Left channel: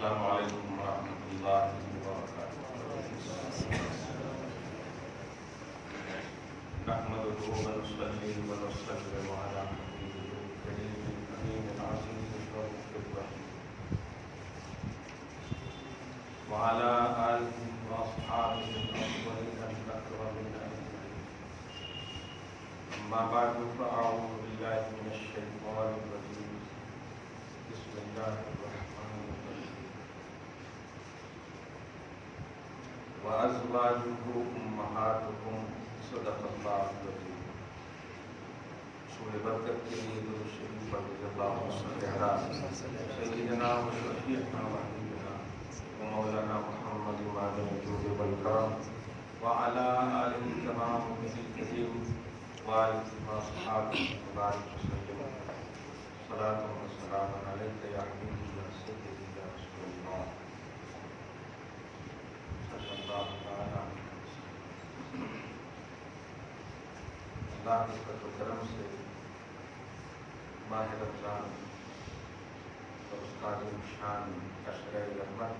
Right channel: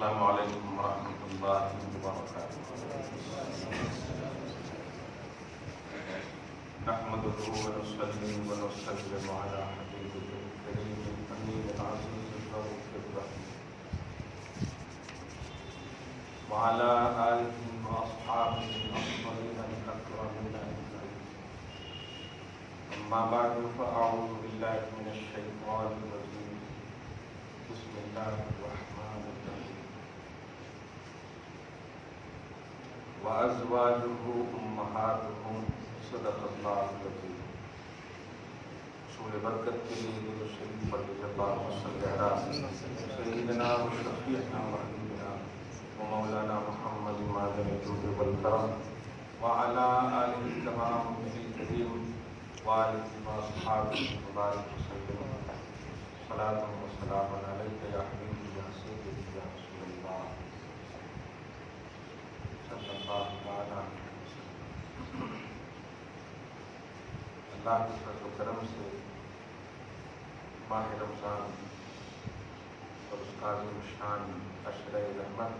السلام علیکم ورحمۃ اللہ وبرکاتہ۔ نحمده ونصلي ونسلم على حبيبه الكريم الأمين العزيز الرؤوف الرحيم وعلى آله وأصحابه الأفضلين الأكرمين أجمعين. أما بعد فأعوذ بالله من الشيطان الرجيم. بسم الله الرحمن الرحيم. وأزواجه أمهاتهم. صدق اللہ العظیم۔ سورہ برکت کے لیے درود شریف پڑھ لیجیے۔ اللہم صل علی سیدنا و شفیعنا و حبیبنا و مولانا محمد معدن الجود والکرم وعلی آلہ تمام الکریم وآلہ واصحابہ وبارک وسلم۔ صلاۃ و سلام علیک یا حبیبی یا سیدی یا رسول اللہ صلی اللہ تعالی علیہ وسلم۔ اللہ کے فضل و کرم سے ماہ رمضان اور اس کا عظیم شان عشرہ رحمت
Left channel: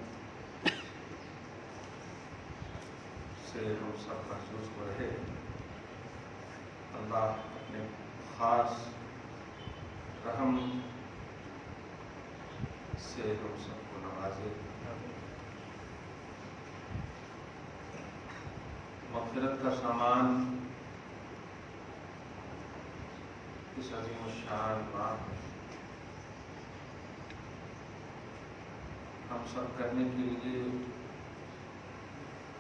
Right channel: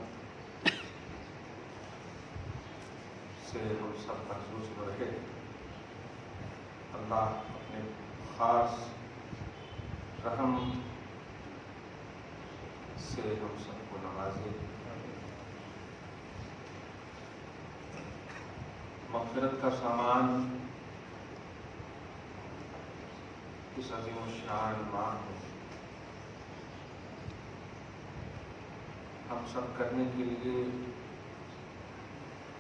سے ہم سب محسوس ہو رہے۔ اللہ اپنے خاص رحم سے ہم سب کو نوازے، مغفرت کا سامان اس عظیم الشان ماہ میں ہم سب کرنے کے لیے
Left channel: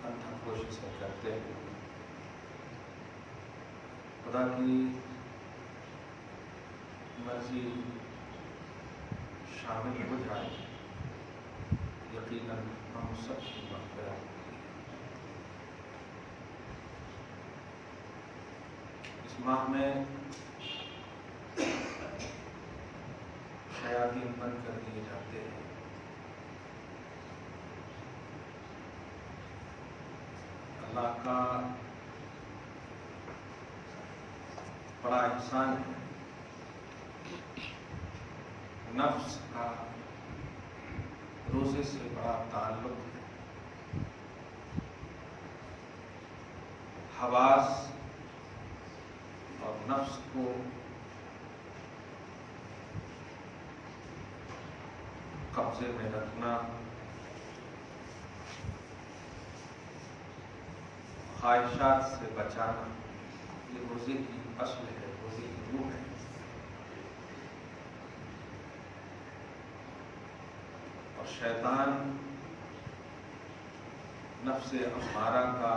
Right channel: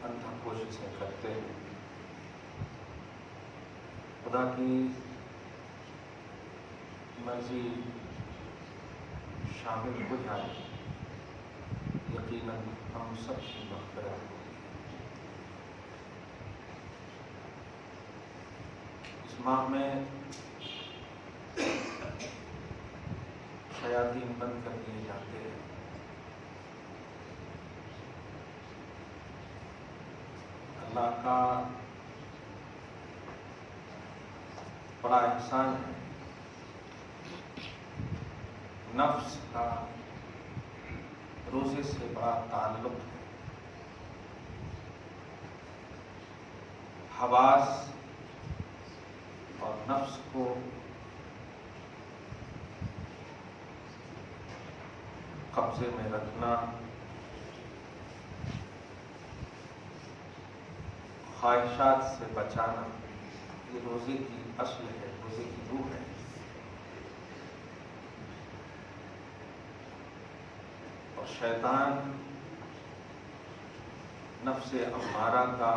انتھک کوششیں کرتے ہیں۔ خدا کی مرضی شامل ہو جائے، یقیناً ہم سب کی مغفرت۔ اس ماہ میں شیاطین بند کر دیے جاتے ہیں۔ اللہ کا بڑا احسان ہے، نفس کا روزے سے بڑا تعلق ہے۔ حواس اور نفس کو قبضے میں رکھنا، خواہشات سے بچانا، یہ روزے کی اصل ہے، روزے کی روح ہے۔ اور شیطان نفس امارہ کا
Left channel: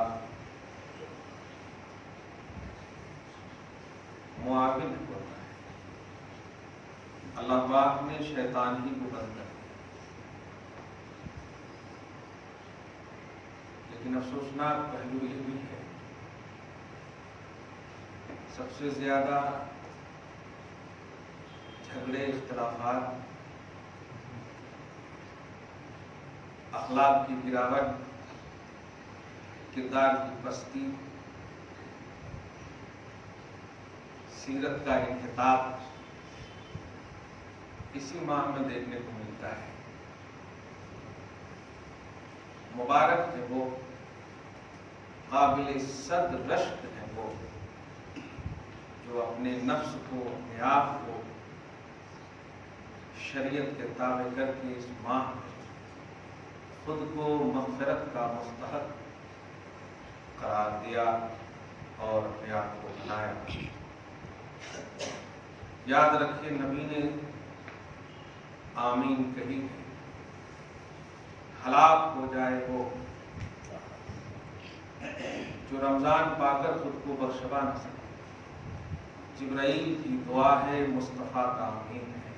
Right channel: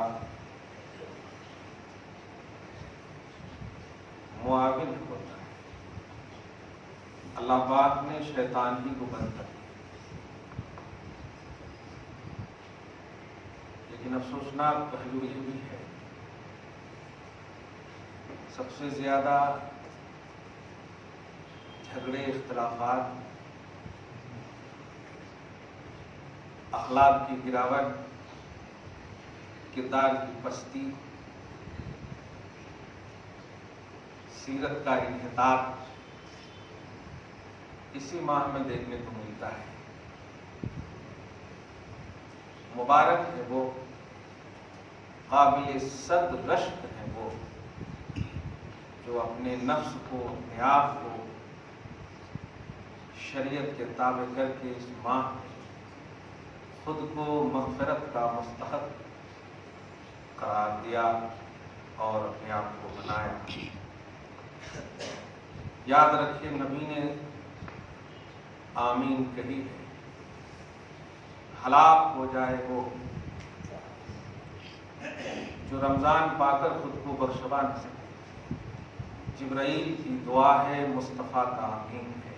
معاون ہوتا ہے۔ اللہ پاک نے شیطان ہی کو بند کر دیا، لیکن افسوسناک پہلو یہ بھی ہے سب سے زیادہ جھگڑے، اختلافات، اخلاق کی گراوٹ، کردار کی پستی، سیرت کا انحطاط اسی ماہ میں دیکھنے کو ملتا ہے۔ مبارک ہے وہ، قابل صد رشک ہے وہ جو اپنے نفس کو، اپنے آپ کو شریعت کے تابع کر کے اس ماہ میں خود کو مغفرت کا مستحق قرار دیا اور اپنے آپ کو بنایا۔ یاد رکھیے نبی نے آمین کہی ہے، ہلاک ہو جائے وہ جو رمضان پا کر خود کو بخشوا نہ سکے۔ جبرائیل کی دعا ہے، مصطفیٰ کا آمین ہے۔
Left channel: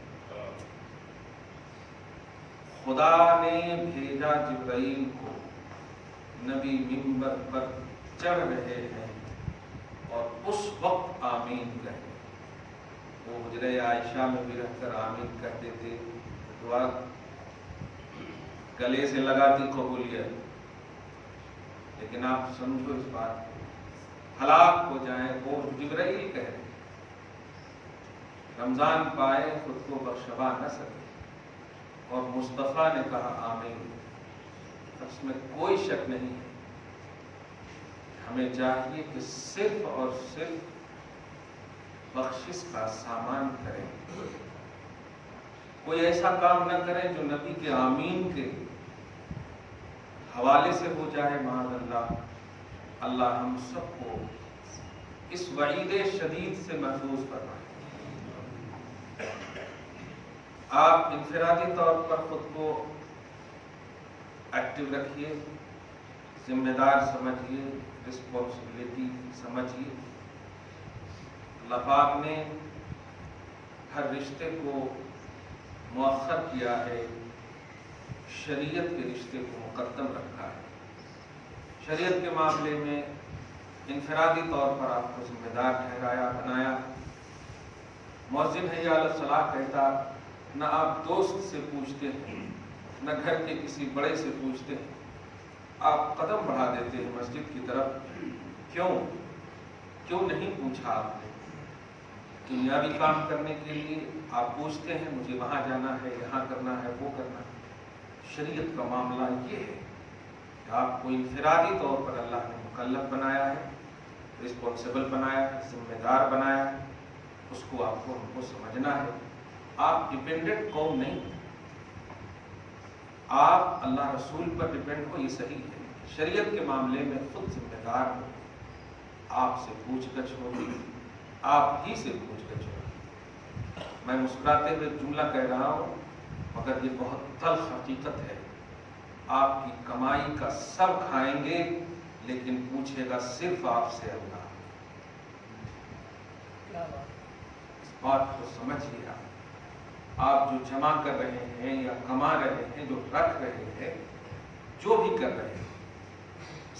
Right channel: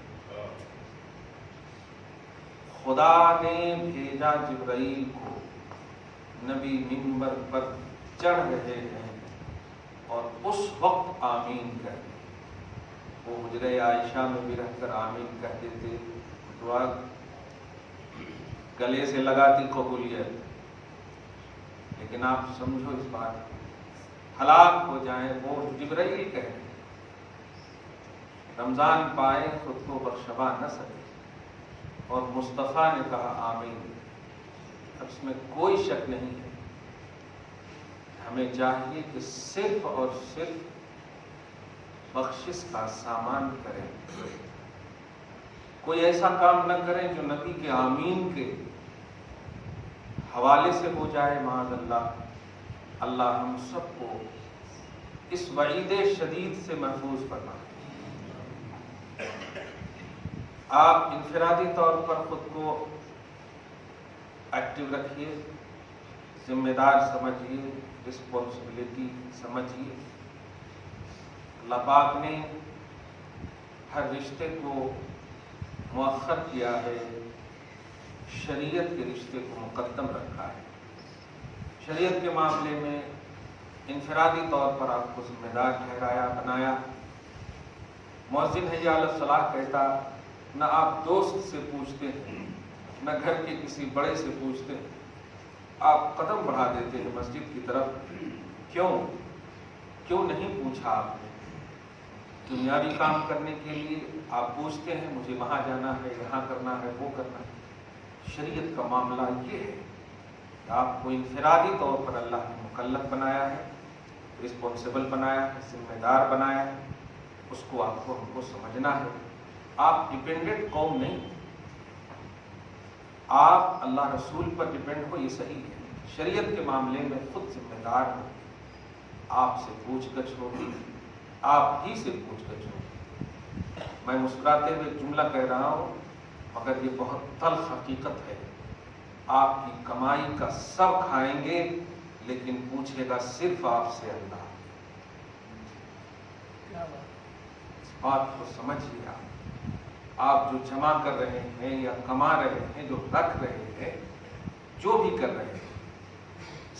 خدا نے بھیجا جبرائیل کو، نبی منبر پر چڑھ رہے ہیں اور اس وقت آمین کہتے۔ وہ حجرہ عائشہ میں بھی رہ کر آمین کہتے تھے، دعا گلے سے لگاتی قبولیت۔ لیکن آپ سمجھو اس بات، ہلاک ہو جائیں وہ جبرائیل کہہ رہے، رمضان پائے خود کو بخشوا نہ سکے اور مصطفیٰ نے کہا آمین، اس میں کوئی شک نہیں ہے۔ ہمیں چاہیے کہ صرف اور صرف بخشش کا سامان کریں، کوئی ایسا کام نہ کریں جو نبی کے آمین کے حوالے سے ہو جائے، معاذ اللہ۔ اللہ ہم سب کو اس وعید شدید سے محفوظ فرمائے۔ آپ انفرادی طور پر خود کو ایکٹیو رکھیے، ذمہ دار سمجھیے، رسپانسبلٹی سمجھیے۔ اللہ پاک نے ہر رشتے کو مؤخر کیا ہے، شریعت کے رشتے کو مقدم رکھا ہے۔ شریعت کے معاملے میں انفرادی طور پر آپ کو ذمہ دار ٹھہرایا، بنایا۔ مؤذن حی علی الصلاۃ کہتا، نہ آپ دوست سے پوچھتے ہیں، نہ گھر کے کسی بڑے سے پوچھتے ہیں، آپ قدم بڑھا دیتے ہیں مسجد کی طرف۔ کیوں نہیں پوچھا آپ نے؟ دنیاوی کام کرنے کے لیے آپ پوچھتے ہیں، مجھے وہاں جانا ہے، یہاں کرنا ہے، وہ کرنا ہے۔ شریعت کا معاملہ یہ ہے کہ آپ کو انفرادی طور پر اللہ نے مکلف بنایا ہے، رسپانسبل بنایا ہے، ذمہ دار بنایا ہے، اس کو آپ کو ہم کو سمجھنا ہے۔ آپ ڈپینڈنٹ قوم نہیں، آپ اللہ رسول پر ڈپینڈ ہو، یہ صحیح ہے۔ شریعت کے معاملے میں خود ذمہ دار ہو، آپ سے پوچھ گچھ ہوگی، آپ ہی سے پوچھ گچھ ہوگی۔ میں مسکراتے ہوئے جملہ کہہ رہا ہوں، مگر یہ بہت تلخ حقیقت ہے۔ آپ کی کمائی کا سب کھائیں گے، لیکن پوچھے گا صرف آپ سے اللہ۔ اس بات کو سمجھ لیا۔ آپ جو جمع کر رہے ہیں یا کما رہے ہیں، جو رکھ رہے ہیں، جو بھی کر رہے ہیں،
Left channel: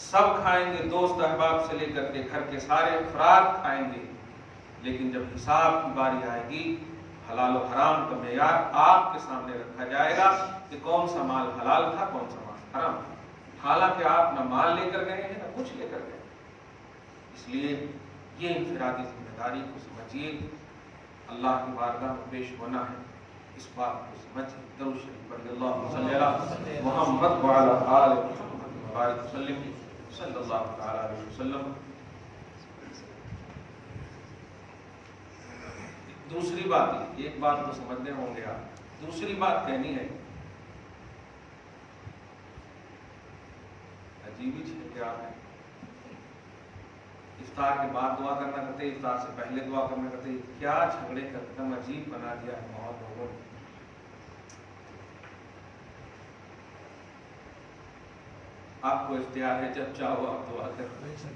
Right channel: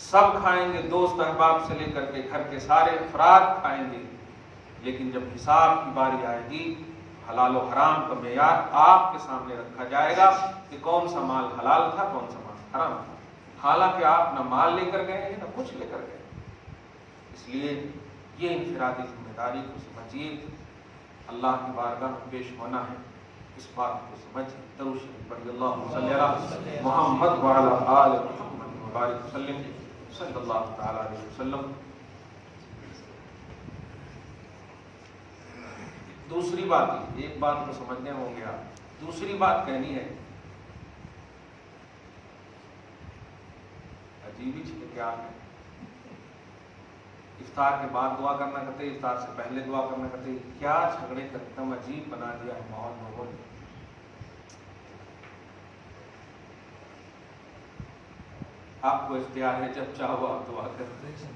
سب کھائیں گے، دوست احباب سے لے کر کے گھر کے سارے افراد کھائیں گے، لیکن جب حساب کی باری آئے گی، حلال و حرام کا معیار آپ کے سامنے رکھا جائے گا کہ کون سا مال حلال تھا، کون سا مال حرام تھا، حالانکہ آپ نہ مال لے کر گئے ہیں نہ کچھ لے کر گئے۔ اس لیے یہ انفرادی ذمہ داری کو سمجھیے، اللہ کی بارگاہ میں پیش ہونا ہے، اس بات کو سمجھیں۔ درود شریف پڑھیے، اللہم صلی علی محمد وعلی آل محمد وبارک وسلم صلی اللہ تعالی علیہ وسلم۔ دوسری بات، ایک بات کو سمجھنے ہوں گے آپ، دوسری بات کہنی ہے، عجیب ہی چیز کیا ہے، افطار کے بعد دعا کرنا کہتے، افطار سے پہلے دعا کرنا کہتے، کیا جھگڑے کا اتنا عجیب بنا دیا ہے ماحول لوگوں نے۔ آپ کو اختیار ہے، جب چاہو آپ دعا کرتے۔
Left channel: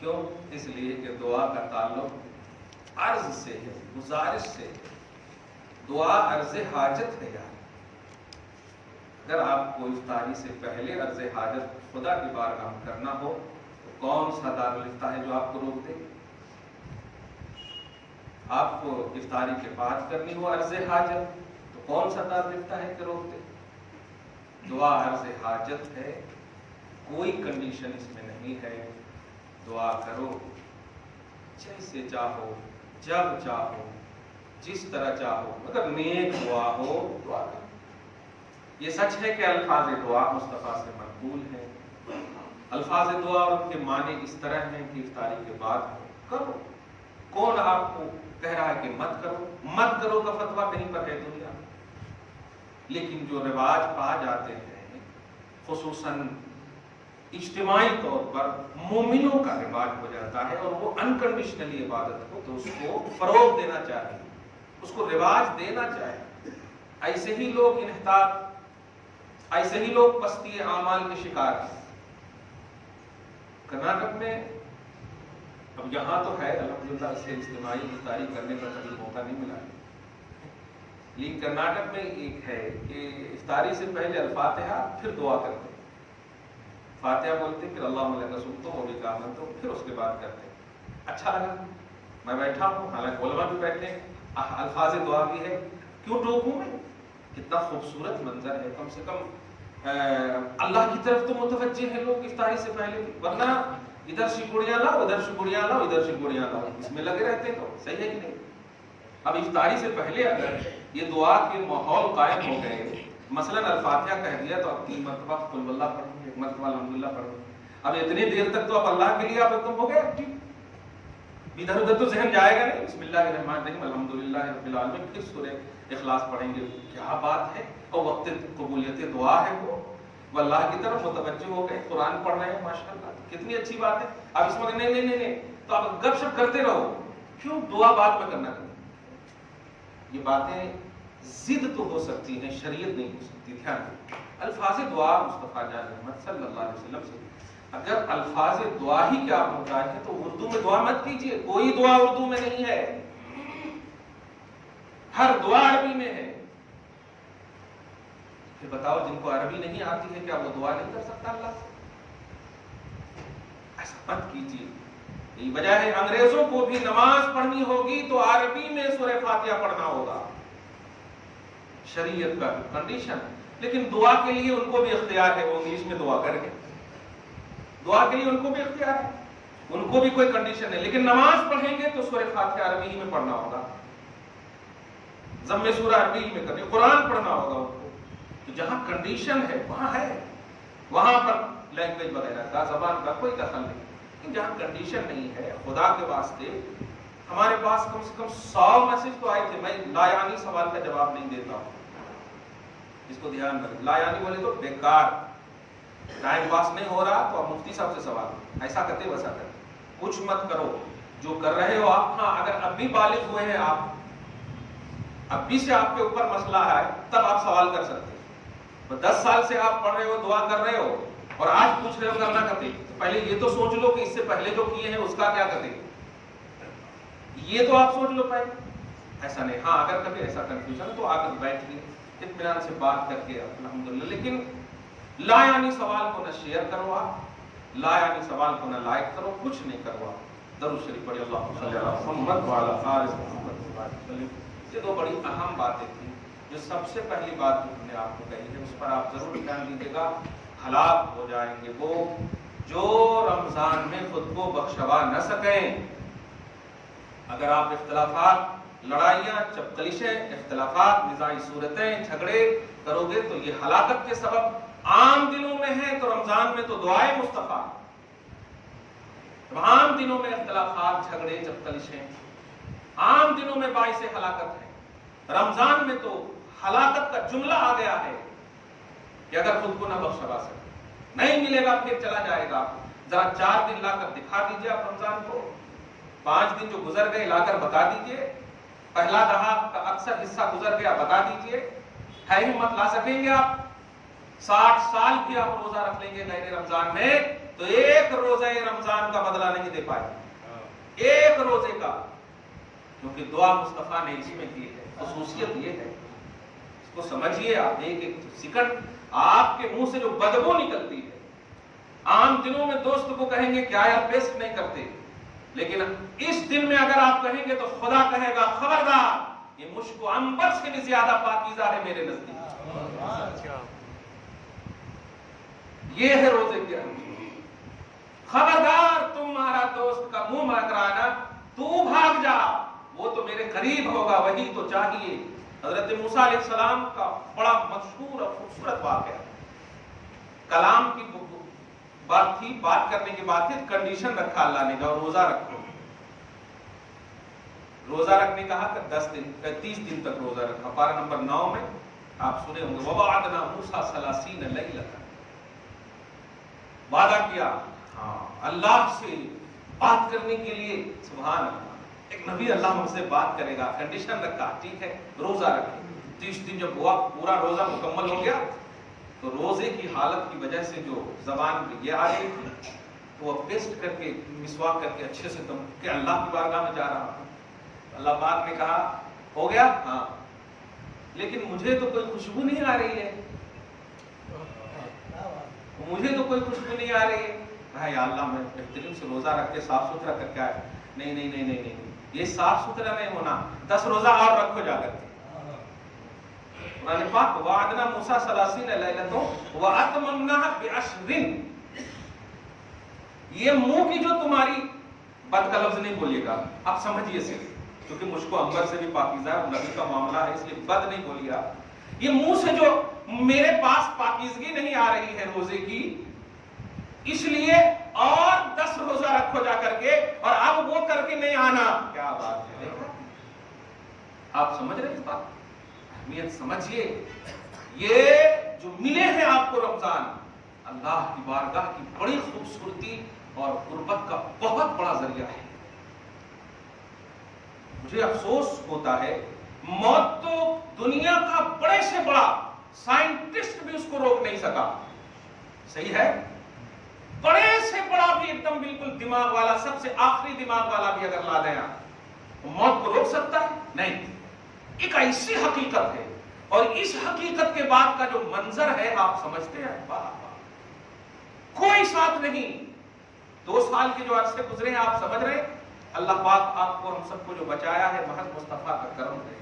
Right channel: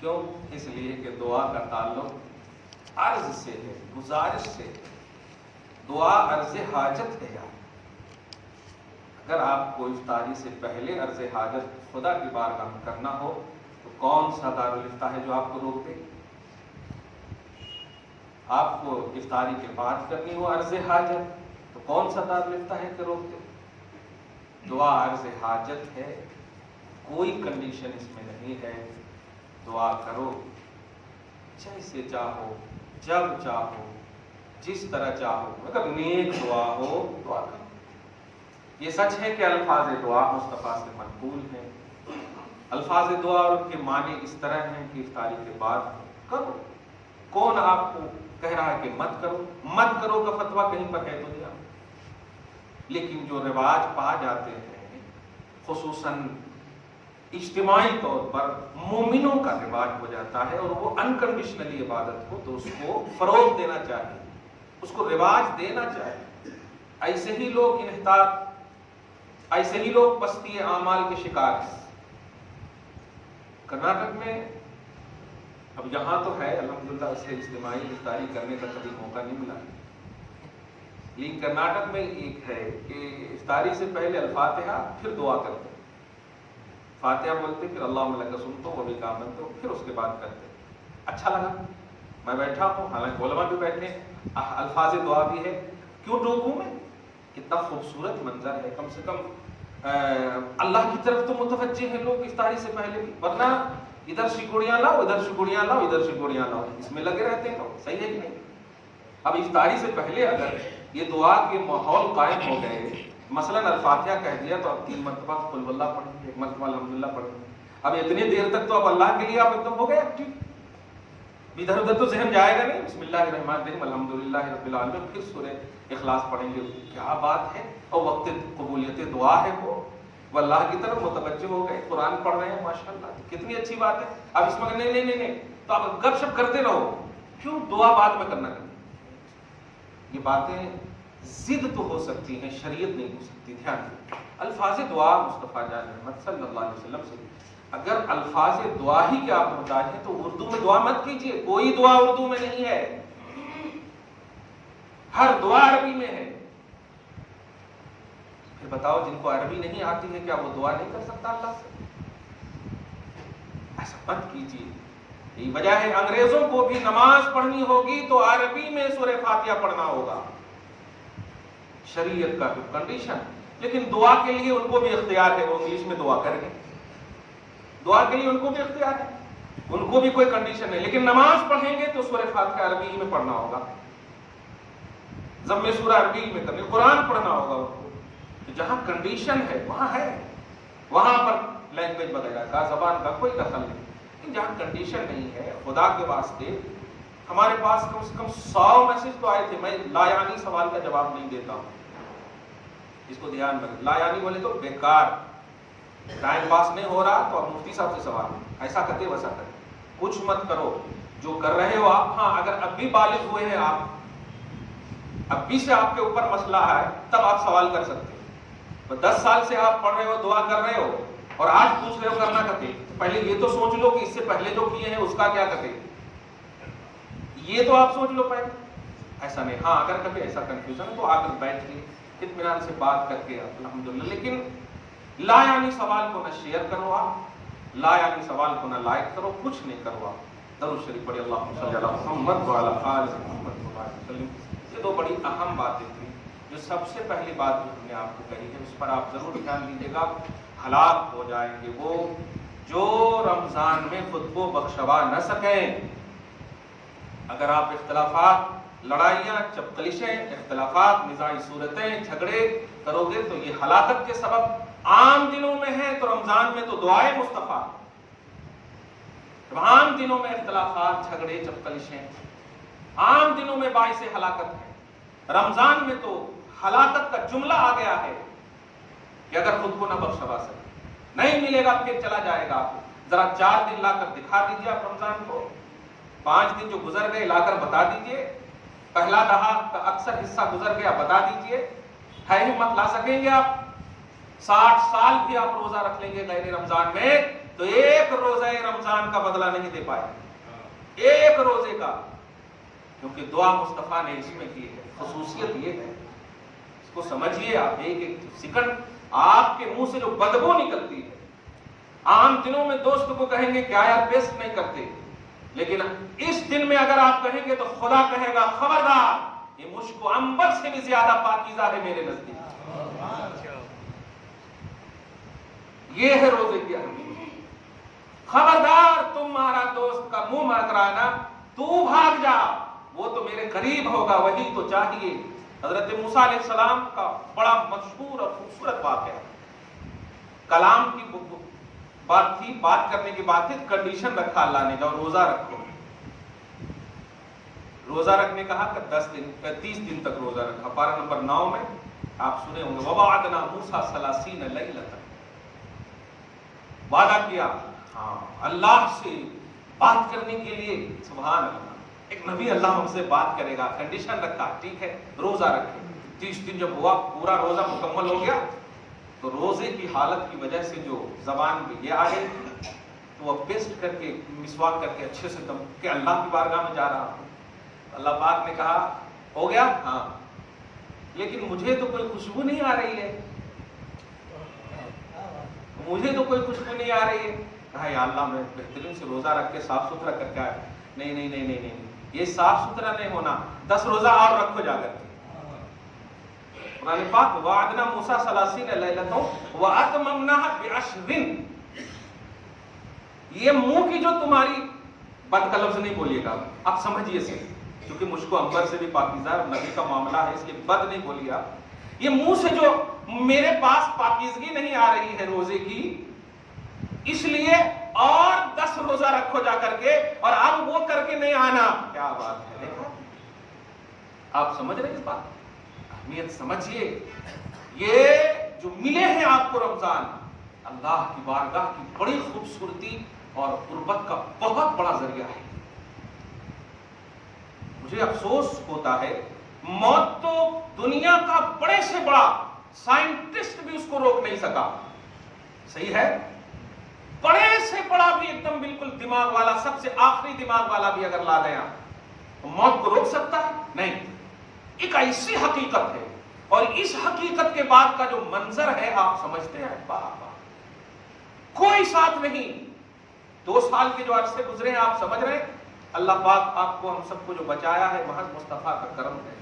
کیوں؟ اس لیے کہ دعا کا تعلق عرض سے ہے، گزارش سے ہے۔ دعا عرض حاجت ہے یار۔ اگر آپ کو افطاری سے پہلے عرض حاجت خدا کی بارگاہ میں کرنا ہو تو کون سا دارالفتہ ہے جو آپ کو روک دے؟ آپ کو افطاری کے بعد کرنی ہو عرض حاجت تو کون سا دارالفتہ ہے کہ روک دے؟ دعا عرض حاجت ہے، کوئی کنڈیشن اس میں نہیں ہے۔ دعا کرو جیسے چاہو، جب چاہو، جس طرح چاہو، مگر نیک دعا ہو، دعا کرو۔ یہ سچ ہے کہ الفاظ دعا مصطفیٰ سے منقول ہیں۔ الفاظ دعا اور ان کے معنی اس طرح ہیں کہ افطاری کے بعد کرو۔ کون آپ کو کہہ رہا ہے کہ مت کرو؟ مت کرو کا فتویٰ کہیں پر ہے دنیا میں؟ لیکن جو رواج پا جاتے ہیں، خصوصاً اجتماعی طور پر مومنوں کا رواج ہو جاتا ہے، اور وہ انکنڈیشنلی عبادت ہو تو اس کو فروغ دینا چاہیے، اس کو رواج دینا چاہیے۔ ایسے ہی لوگ انحطاط، ایسے ہی لوگ پستی اعمال کے شکار ہیں۔ کرناٹک میں، اب یہاں تو ہے الحمدللہ اسے اجتماعی افطاری کرنے کا کبھی موقع نہیں ملا، لیکن کرناٹک میں ایک ہے کہ افطاری سے پہلے الفاتحہ پھر دعا کرتے ہیں۔ فاتحہ بولتے پھر اللہم لک صمت و بک آمنت، پھر اس کے بعد کرتے ہیں۔ اچھا لگا، میں بیٹھا ہوں، حالانکہ علماء بھی بیٹھے ہیں، الفاظ دعا بھی ہے، کیوں ٹوکوں میں؟ کتنا خوبصورت منظر ہے، کم سے کم اللہ کی طرف تو متوجہ ہیں لوگ افطاری سے پہلے بھی، ورنہ ادھر سکوڑیاں لاؤ، ادھر سکوڑیاں لاؤ، ادھر سکوڑیاں لاؤ، اس میں لگے رہتے ہیں۔ صحیح ہے کہ نہیں؟ اب افطاری سے پہلے اگر یہ دعا کے ماحول قائم ہو گئے، مثلاً الفاتحہ کہہ دیا تو اب 3 مرتبہ قل واللہ پڑھیں گے، 1 مرتبہ الحمدللہ پڑھیں گے، اب اتنی دیر تک تو اب اللہ کے لیے آپ ایک دم ہو گئے ٹھیک، ادھر ادھر تو ذہن جائے گا نہیں، بسم اللہ الرحمن الرحیم الحمدللہ رب العالمین، پھر سورہ اخلاص پڑھیں گے، کیا بات ہے، اور وقت قبولیت دعا ہے وہ اللہ کی طرف متوجہ ہو گئے، قرآن پڑھ رہے ہیں ماشاءاللہ، کتنی اچھی بات ہے۔ اب اس میں نہیں تو آپ گپ شپ کرتے رہو، کیوں دعا بعد میں کرنا چاہیے؟ یہ باتیں ضد تو ہو سکتی ہیں، شریعت نہیں ہو سکتی، دھیان دیں۔ الفاظ دعا مصطفیٰ جان محمد صلی اللہ علیہ وسلم سے، اگر الفاظ دعا ہی کے آپ محتاج ہیں تو اردو میں دعا مت کیجیے، کوئی دعا اردو میں نہیں ہے، ہر دعا عربی میں ہے۔ پھر بتاؤ جن کو عربی نہیں آتی ہے کیا وہ دعا نہیں کر سکتا اللہ سے؟ ایسا مت کیجیے، یہی وجہ ہے انگریزوں کو بھی نماز پڑھنی ہوگی تو عربی میں سورہ فاتحہ پڑھنا ہوگا، شریعت کا کنڈیشن۔ لیکن دعا کے لیے ان کو بھی اختیار ہے، وہ انگلش میں دعا کریں گے، دعا کے لیے ان کو بھی اختیار ہے، ان کو بھی کوئی کنڈیشن نہیں، لیکن نماز پڑھیں گے تو سورہ فاتحہ عربی ہی میں پڑھنا ہوگا، ضم سورہ عربی میں کرنی، قرآن پڑھنا ہوگا ان کو۔ تو جہاں کنڈیشن ہے وہاں ہے، وہاں پر لینگویج وغیرہ کا، زبان کا کوئی دخل نہیں، لیکن جہاں کنڈیشن نہیں ہے، خدا کے واسطے ہمارے پاس کم سے کم 100 میسج تو آئے تھے، میں لا یعنی سوال کا جواب نہیں دیتا ہوں، اس کو دھیان میں رکھیں، لا یعنی بولے تو بیکار، ٹائم پاس نہیں ہو رہا تو اب مفتی صاحب سے سوال، ایسا کرتے ویسا کرتے، کچھ مت کرو جو کر رہے ہو آپ۔ ہاں اگر اب بھی بالغ ہوئے ہیں آپ، اب بھی سے آپ کے اوپر مسئلہ ہے، تب آپ سوال کر سکتے ہیں۔ 10 سال سے آپ پڑھ رہے ہو، دعا کر رہے ہو، اور آج پوچھ رہے ہو کرنا کرتے، پہلے یہ تو سوچ لو کہ اس سے پہلے جو کیے ہیں اس کا کیا کرتے، یہ تو آپ سوچ لو پہلے، ایسا نہیں۔ ہاں اگر کبھی ایسا کنفیوژن ہے تو آ کر بیٹھ کے اطمینان سے بات کر کے الحمدللہ، لیکن لا یعنی سوال کو نہ شیئر کرو آپ، لا یعنی سوال کو نہ لائک کرو، کچھ نہیں کرو آپ۔ درود شریف پڑھی، اللہم صلی علی محمد وعلی آل محمد وسلم۔ یہ 2 بڑی اہم باتیں تھیں، جو سب سے پہلی بات جو ہم نے آپ کو کہی ہے اس پر آپ ضرور دھیان دیجیے گا، ہلاک ہو جائیں گے وہ جو رمضان میں خود کو بخشوا نہ سکیں۔ اگر آپ اختلافات، لڑائیاں، چپکلشیں، اختلافات، نزاعی صورتیں، جھگڑے کرو گے تو یہ ہلاکت کے سبب عام دنوں میں ہے، تو رمضان میں تو دعائے مصطفیٰ، عام دنوں میں اختلافات، جھگڑے، چپکلشیں عام دنوں میں باعث ہلاکت ہے، رمضان میں تو ہلاکت کا جملہ آ گیا ہے کہ اگر خود کو نہ بخشوا سکے، نہیں ملے گا پھر چلا جائے گا۔ ذرا 4 دن لا کر دکھا دیجیے آپ رمضان کو، 5 دن جو گزر گئے لا کر بتا دیجیے، پہلا دہا کا اکثر حصہ گزر گیا بتا دیجیے، ہے ہمت لا سکیں گے آپ؟ 60 سال بھی آپ روزہ رکھ لیں گے غیر رمضان میں تو ایک روزہ رمضان کا بدلہ نہیں دے پائے، ایک روزے کا، کیونکہ دعا مصطفیٰ نے اس میں کی ہے، خصوصیت یہ ہے، اس کو سمجھیے آپ۔ ایک سیکنڈ آپ کے منہ سے جو بدبو نکلتی ہے، عام دنوں میں دوست کو کہیں گے کیا یار پیسٹ نہیں کرتے، لیکن اس دن میں اگر آپ کہیں گے تو خدا کہے گا خبردار، یہ مشک و عنبر سے بھی زیادہ پاکیزہ ہے میرے نزدیک۔ یہ ہے روزے کی اہمیت، خبردار تمہارا دوست کا منہ مکرانا، تو بھاگ جا، وہ تو میرے قریب ہوگا، وہی تو چاہیے۔ حضرت موسیٰ علیہ السلام کا بڑا مشہور اور خوبصورت واقعہ، کلام کی بات تھی، بات کرنے کی بات تھی، کنڈیشن رکھا اللہ نے، جاؤ روزہ رکھو، روزہ رکھنے کہا کہ 30 دن تک روزہ رکھا۔ پارہ نمبر 9 میں آپ سنے ہوں گے، وَوَعَدْنَا مُوسَىٰ 30 لَيْلَةً، وعدہ کیا ہاں اللہ سے بات کرنے کے لیے، سبحان اللہ، ایک نبی اللہ ہم سے بات کرے گا، کنڈیشن رکھا، ٹھیک ہے روزہ رکھے۔ 30 دن جب ہوا، پورا روزہ مکمل ہو گیا تو روزے کی حالت کی وجہ سے جو زبان میں یہ آ گئی تھی، وہ پیسٹ کر کے، مسواک کر کے اچھے سے دم کہ اللہ کی بارگاہ میں جا رہا ہوں۔ اللہ پاک نے کہا ہو گیا؟ ہاں، لیکن مجھے تو کوئی خوشبو نہیں آ رہی ہے، مجھے تو کوئی خوشبو نہیں آ رہی ہے۔ یا اللہ میں بہترین سے روزہ رکھ کے صاف ستھرا کر کے آیا، نہیں نہیں نہیں نہیں نہیں، یہ صاف ستھرا نہیں ہونا، 10 روزہ اور رکھو جا کر کے۔ قرآن پاک وعدنا موسیٰ 30 لیلۃ واتممناها ب10، یہ منہ کی جو تمہاری بات کا لفظ نہیں بولیے گا، آپ سمجھیے سے، کیونکہ مجھ کو انبر سے بھی پاکیزہ ہے اور نبی کا معاملہ ہے، اس لیے بد نہیں بولی آپ، یہ منہ سے جو میرے پاس پاکیزگی نہیں آ رہی ہے روزے کی، اس لیے اور 10 روزہ رکھو جا کر کے، اور اب وہ کر کے نہیں آنا، کیا بات ہے؟ دیکھو آپ سمجھ رہے ہیں اس بات، اہمیت سمجھیے. یہ جو ملے ہیں آپ کو رمضان، اللہ کی بارگاہ کی بڑی خوبصورتی اور قربت کا بہت بڑا ذریعہ ہے. مجھے افسوس ہوتا ہے، موت تو دنیا کا بڑے سے بڑا سائنٹسٹ بھی اس کو روک نہیں سکا، صحیح ہے، بڑے سے بڑا بھی ایک دم بالکل دماغ والا، سب سے آخری دماغ والا بھی اگر لا دیں آپ، موت کو روک سکتا ہے؟ نہیں. ایک ایسی حقیقت ہے، اور اس حقیقت کے بعد کا جو منظر ہے آپ سمجھتے ہیں، کوئی ساتھ نہیں. 2 سال کے جو عرصے گزرے ہیں آپ سمجھ رہے ہیں، اللہ پاک آپ کو ہم سب کو جو بچایا ہے محض مصطفیٰ کا کرم ہے،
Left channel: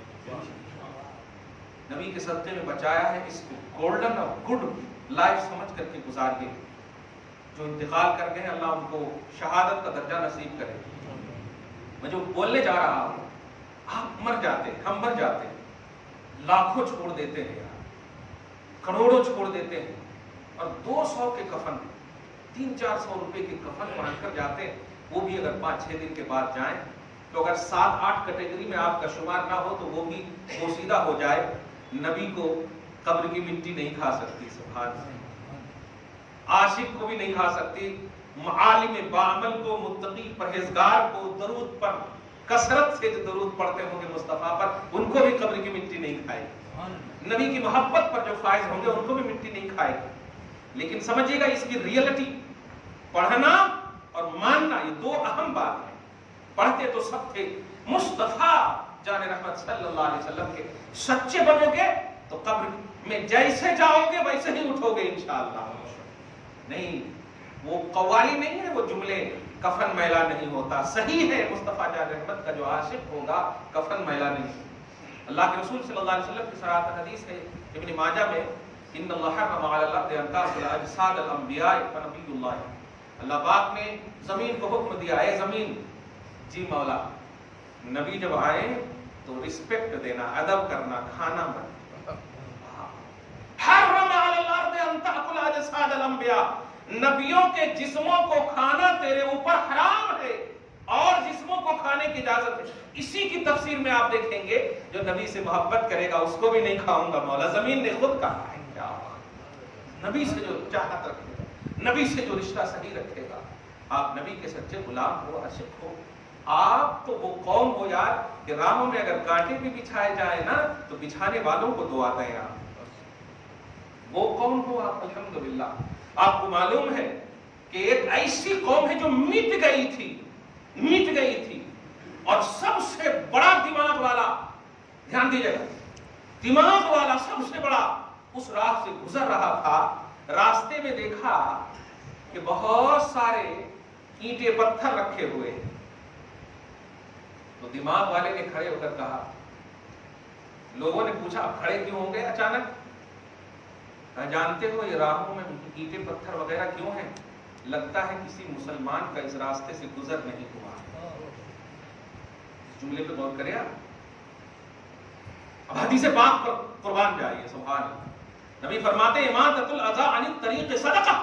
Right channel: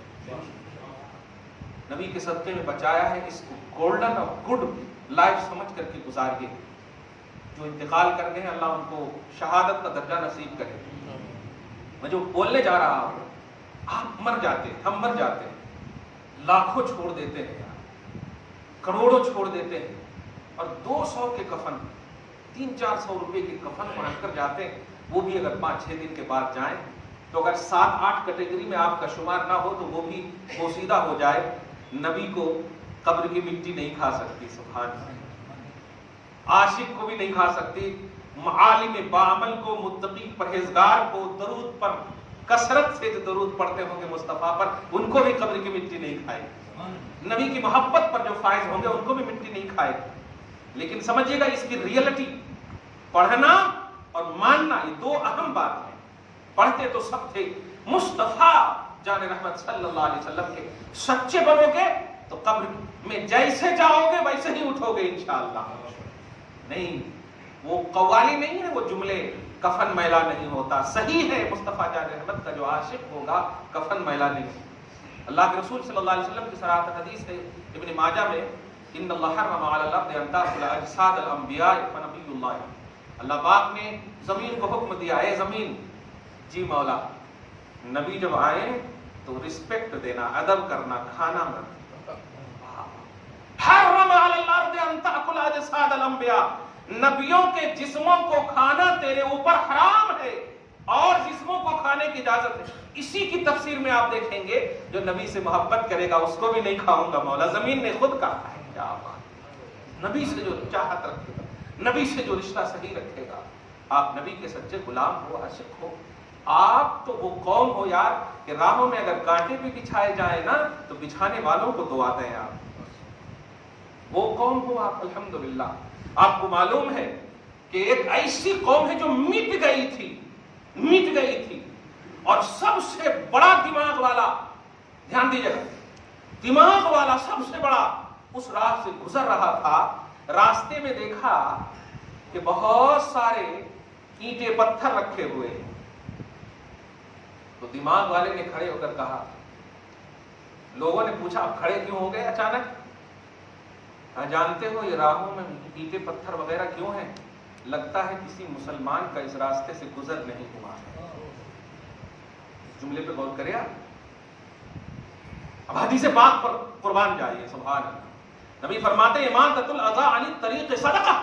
نبی کے صدقے میں بچایا ہے. اس گولڈن اور گڈ لائف سمجھ کر کے گزاریے. جو انتقال کر گئے ہیں اللہ ان کو شہادت کا درجہ نصیب کرے. میں جو بولنے جا رہا ہوں، آپ مر جاتے، ہم مر جاتے، لاکھوں چھوڑ دیتے ہیں، کروڑوں چھوڑ دیتے ہیں، اور 200 کے کفن، 300-400 روپے کے کفن پہن کر جاتے ہیں. وہ بھی اگر 5-6 دن کے بعد جائیں تو اگر 7-8 کیٹیگری میں آپ کا شمار نہ ہو تو وہ بھی بوسیدہ ہو جائے. نبی کو قبر کی مٹی نہیں کھا سکتی، سبحان اللہ، عاشق کو بھی نہیں کھا سکتی. عالم باعمل کو، متقی پرہیزگار کو، درود پر کثرت سے جو درود پڑھتے ہوں گے مصطفیٰ پر، ان کو بھی قبر کی مٹی نہیں کھائے گی. نبی کی محبت پر جو فائز ہوں گے ان کو بھی مٹی نہیں کھائے گی. لیکن سمجھیے گا اس کی ریئلٹی، پڑھنا اور ماننا یہ 2 اہم بات ہیں. پڑھتے تو سب تھے، مصطفیٰ جان رحمت صلی اللہ علیہ وسلم کے سچے بنو گے تو قبر میں جیسے جاؤ گے ویسے ہی اٹھو گے انشاءاللہ. نہیں، وہ قوالی نہیں ہے، وہ جملے، کفن میلا نہیں ہوتا. صحیح ہے، مصطفیٰ جان رحمت کا جو عاشق ہوگا کفن میلا نہیں. اللہ کے رسول صلی اللہ علیہ وسلم کی صراحت حدیث ہے ابن ماجہ میں، ان اللہ حرم علی الارض ان تاکل اجساد الانبیاء فنبی اللہ. اللہ پاک نے زمین کو حکم دیا، اے زمین، جی مولا، نبی جب آئے تو رسپیکٹ دینا، ادب کرنا، کھانا مت. حرم علی الارض ان تاکل اجساد الانبیاء، نبیوں کے جسموں کو کھانا تیرے اوپر حرام ہے، اور جسموں کو کھانے کی اجازت ہے. اسی کی تفسیر میں آپ دیکھیں گے جو نبی سے محبت کرے گا اس کو بھی نہیں کھاؤں گا مولا، زمین نے خود کہا ہے. کیا بات، نبی سے جو چاہت رکھے گا، نبی سے جو رشتہ صحیح رکھے گا، آپ نبی کے سچے غلام ہو، عاشق ہو. آپ تو وہ قوم ہو یار کہ راہوں میں اگر کانٹے بھی بچھائے جائیں نا تو بچھانے والوں کو دعا دیں. آپ وہ قوم ہو آپ، الحمدللہ. آپ کو معلوم ہے کہ ایک ایسی قوم ہے جو مٹ گئی تھی، اور سب سے بڑا دماغ والا، دھیان دیجیے گا، دماغ والا سب سے بڑا اس راہ سے گزر رہا تھا. راستے میں دیکھا کہ بہت سارے اینٹیں پتھر رکھے ہوئے ہیں. تو دماغ والے نے کھڑے ہو کر کہا، لوگوں نے پوچھا آپ کھڑے کیوں ہو گئے اچانک؟ جانتے ہو یہ راہوں میں اینٹیں پتھر وغیرہ کیوں ہیں؟ لگتا ہے کسی مسلمان کا اس راستے سے گزر نہیں ہوا. جملے پہ غور کرے آپ. اب حدیث پاک پر قربان جائیے، سبحان اللہ. نبی فرماتے اماطۃ الاذى عن الطریق صدقہ،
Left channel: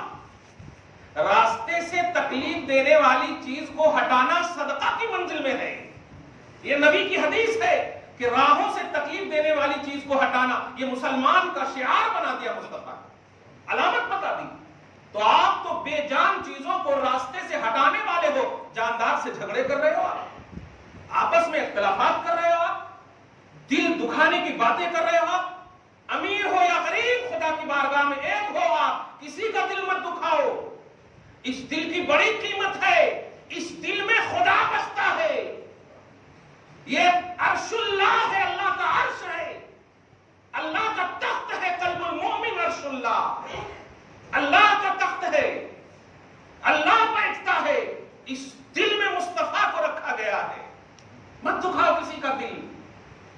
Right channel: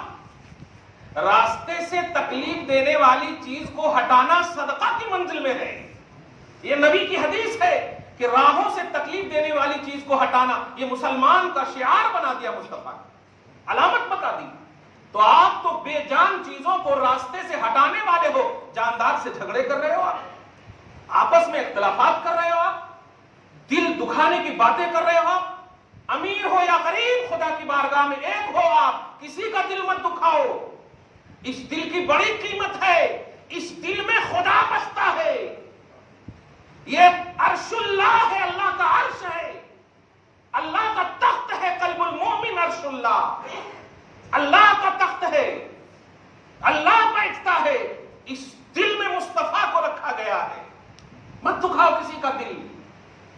راستے سے تکلیف دینے والی چیز کو ہٹانا صدقہ کی منزل میں ہے. یہ نبی کی حدیث ہے کہ راہوں سے تکلیف دینے والی چیز کو ہٹانا یہ مسلمان کا شعار بنا دیا مصطفیٰ، علامت بتا دی. تو آپ تو بے جان چیزوں کو راستے سے ہٹانے والے ہو، جاندار سے جھگڑے کر رہے ہو آپ، آپس میں اختلافات کر رہے ہو آپ، دل دکھانے کی باتیں کر رہے ہو آپ. امیر ہو یا غریب، خدا کی بارگاہ میں ایک ہو آپ، کسی کا دل مت دکھاؤ. اس دل کی بڑی قیمت ہے، اس دل میں خدا بستا ہے. یہ عرش اللہ ہے، اللہ کا عرش ہے، اللہ کا تخت ہے. قلب المومن عرش اللہ، اللہ کا تخت ہے، اللہ بیٹھتا ہے. اس دل میں مصطفیٰ کو رکھا گیا ہے. مت دکھاؤ کسی کا دل،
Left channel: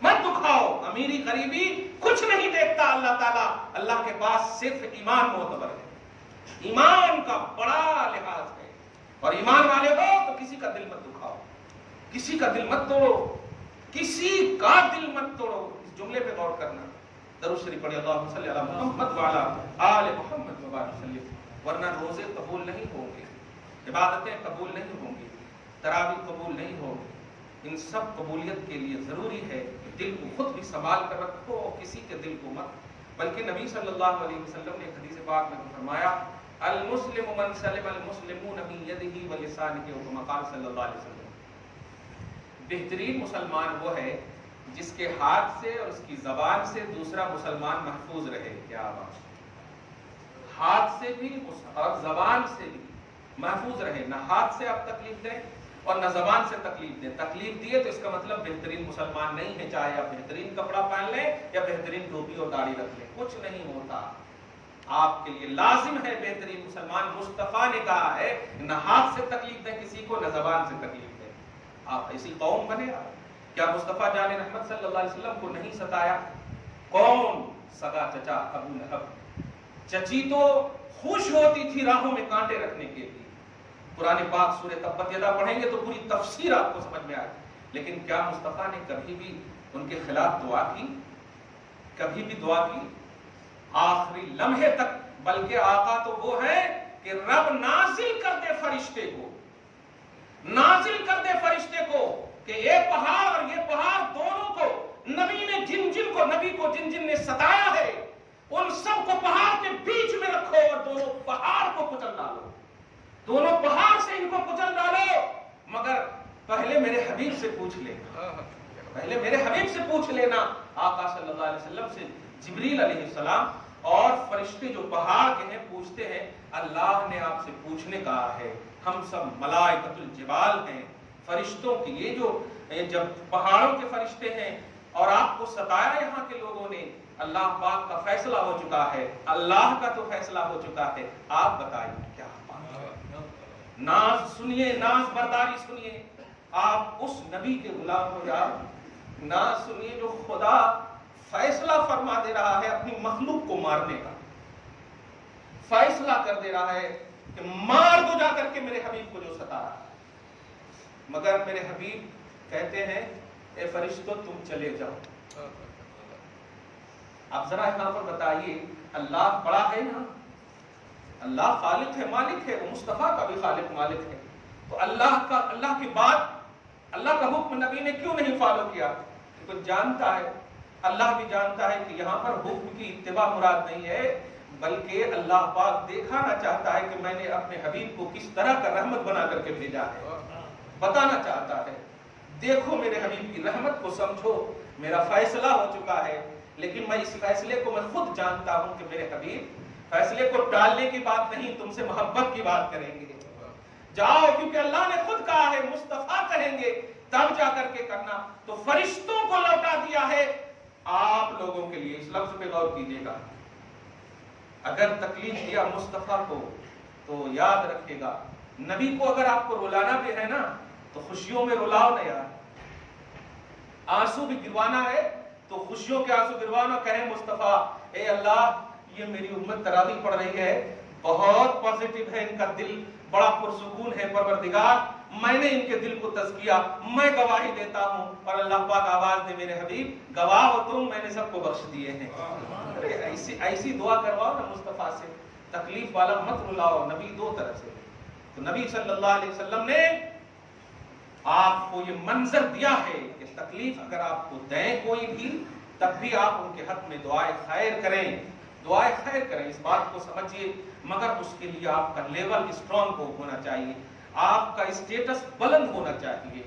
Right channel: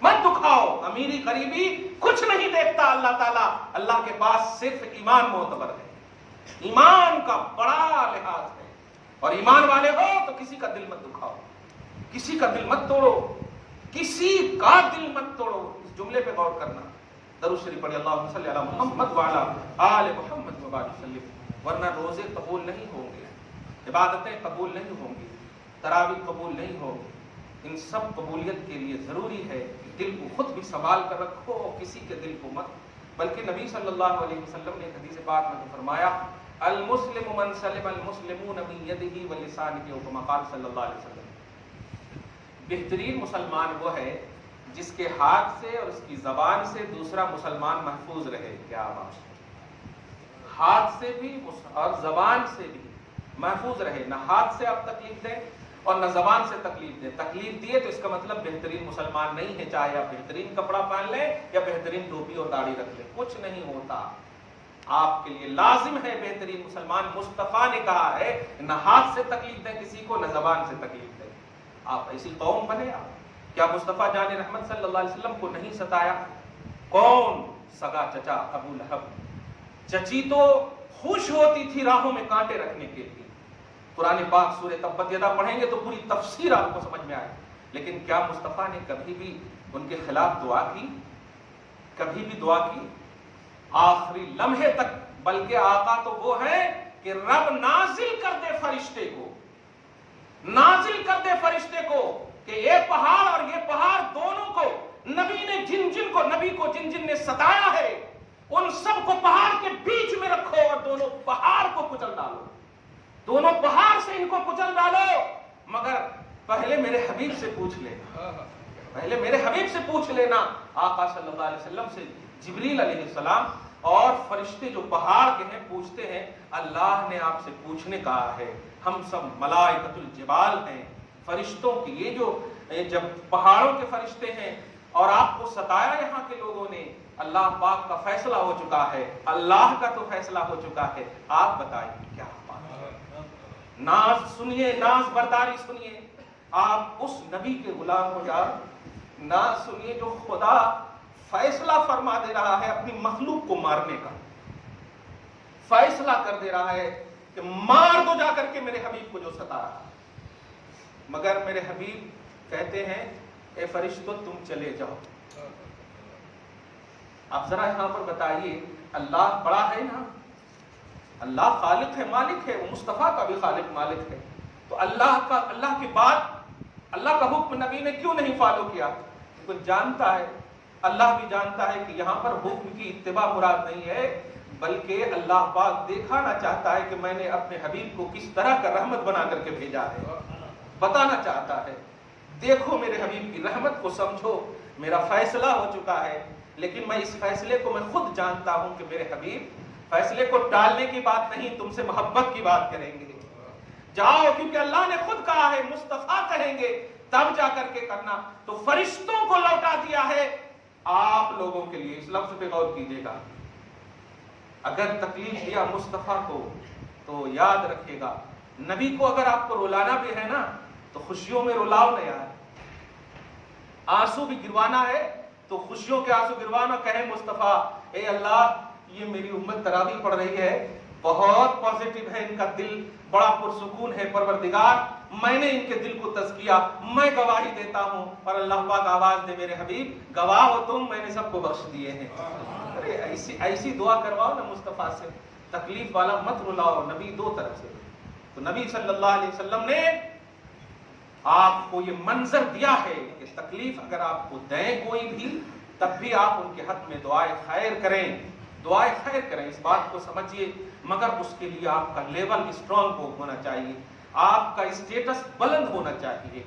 مت دکھاؤ. امیری غریبی کچھ نہیں دیکھتا اللہ تعالیٰ. اللہ کے پاس صرف ایمان معتبر ہے، ایمان کا بڑا لحاظ ہے. اور ایمان والے ہو تو کسی کا دل مت دکھاؤ، کسی کا دل مت توڑو. کسی کا دل مت توڑو. اس جملے پہ غور کرنا. درود شریف پڑھی اللہم صلی علی محمد وعلی آل محمد وبارک وسلم. ورنہ روزے قبول نہیں ہوں گے, عبادتیں قبول نہیں ہوں گی, تراویح قبول نہیں ہوگی. ان سب قبولیت کے لیے ضروری ہے کہ دل کو خود بھی سنبھال کر رکھو اور کسی کے دل کو مت. بلکہ نبی صلی اللہ علیہ وسلم نے حدیث پاک میں فرمایا المسلم من سلم المسلمون من یدہ ولسانہ او کما قال صلی اللہ علیہ وسلم. بہترین مسلمان وہ ہے جس کے ہاتھ سے اور اس کی زبان سے دوسرا مسلمان محفوظ رہے. کیا بات, ہاتھ سے بھی اور زبان سے بھی محفوظ رہے. نہ ہاتھ سے آپ تکلیف دیں اور نہ زبان سے تکلیف دیں. تکلیف دیے تو اس کا مطلب بہترین مسلمان نہیں ہے, چاہے آپ بہترین کپڑا پہن لیں یا بہترین ٹوپی اور داڑھی رکھ لیں, کچھ نہیں ہوتا. آپ کے لیے لازم ہے بہترین مسلمان. مصطفیٰ نے کہا ہے نہ ہاتھ سے تکلیف دیں کسی کو, نہ زبان سے تکلیف دیں. آپ ایسی قوم بنے. آپ کیا مصطفیٰ جان رحمت صلی اللہ علیہ وسلم کو نہیں ستایا؟ کون سگا چچا ابو لہب, چچی تو خوش ہوتی تھی راہوں میں کانٹے رکھنے کے لیے. قرآن پاک سورہ تبت یدا پڑھیں گے تو پوری تفسیر آپ کو سمجھ میں آئے. لیکن کیا مصطفیٰ نے کبھی بھی ان کے خلاف دعا کی؟ کبھی بھی دعا کی؟ آخری لمحے تک. بلکہ آقا تو وہ ہے کہ رب نازل کر دے فرشتے کو, نازل کر دے فرشتے کو کہ یہ پہاڑ اور یہ پہاڑ دونوں کو نبی نے نبی کو جن جن نے ستایا ہے ان سب کو پہاڑ کے بیچ میں رکھو اور دونوں پہاڑ کو کچل ڈالو. دونوں پہاڑ سے ان کو کچل ڈالو, مگر پہلے میرے حبیب سے پوچھ لے, پہلے میرے حبیب سے پوچھ لینا. آقا صلی اللہ علیہ وسلم سے جبریل علیہ السلام اور فرشتے جو پہاڑ کے ہیں پوچھتے ہیں اللہ نے آپ سے پوچھنے کہا ہے. ہم سب ملائکۃ الجبال ہیں, فرشتوں کی یہ جو جب پہاڑوں کے فرشتے ہیں اور آپ کو ستایا یہاں کے لوگوں نے, اللہ پاک کا فیصلہ ہو چکا ہے, اللہ کا تو فیصلہ ہو چکا ہے. آپ بتائیں کیا ناز سنیے, ناز برداری سنیے. آپ اس نبی کے غلام ہو جا, ناز سنیے جو خدا فیصلہ فرما دے رہا ہے اپنی مخلوق کو مارنے کا. فیصلہ کر دے رہا ہے کہ مار دو جا کر کے میرے حبیب کو جو ستا. مگر میرے حبیب کہتے ہیں اے فرشتوں تم چلے جاؤ. آپ ذرا یہاں پر بتائیے, اللہ بڑا ہے نا, اللہ خالق ہے, مالک ہے, وہ مصطفیٰ کا بھی خالق مالک ہے. تو اللہ کی بات, اللہ کا حکم نبی نے کیوں نہیں فالو کیا؟ کیونکہ جانتا ہے, اللہ بھی جانتا ہے کہ یہاں پر حکم کی اتباع مراد نہیں ہے, بلکہ اللہ پاک دکھانا چاہتا ہے کہ میں نے اپنے حبیب کو کس طرح کا رحمت بنا کر کے بھیجا ہے. بتانا چاہتا ہے دیکھو میرے حبیب کی رحمت کو سمجھو, میرا فیصلہ ہو چکا ہے. لیکن میں اس فیصلے کو میں خود جانتا ہوں کہ میرے حبیب فیصلے کو ٹالنے کی بات نہیں, تم سے محبت کی بات کریں گے. جاؤ, کیونکہ اللہ نے خود کہا ہے مصطفیٰ کہیں گے تب جا کر کے کرنا. تو فرشتوں کو لوٹا دیا ہے آپ لوگوں کے لیے. اس لفظ پہ غور کیجیے گا. اگر تکلیف دیا مصطفیٰ کو تو یاد رکھے گا نبی کو اگر آپ کو رلانا بھی ہے نا تو خوشیوں میں رلاؤ نا یار. آنسو بھی گروانا ہے تو خوشیوں کے آنسو گروانا. کہیں مصطفیٰ اے اللہ یہ میری امت تراویح پڑھ رہی ہے, بہت پازیٹیو ہے, ان کا دل بڑا پرسکون ہے, پروردگار میں نے ان کے دل کو تزکیہ, میں گواہی دیتا ہوں. اور اللہ پاک آواز دے میرے حبیب گواہ ہو تم, میں نے سب کو بخش دیے ہیں. ایسی دعا کرواؤ نا مصطفیٰ سے, تکلیف والا مت رلاؤ. نبی دو طرح سے, تو نبی صلی اللہ علیہ وسلم نے آپ کو یہ منظر دیا ہے کہ تکلیف اگر آپ کو دیں کوئی بھی تب بھی آپ ان کے حق میں دعائے خیر کریں, دعائے خیر کریں. اس بات کو سمجھیے, مگر اس کے لیے آپ کا لیول اسٹرانگ ہونا چاہیے, آپ کا اسٹیٹس بلند ہونا چاہیے.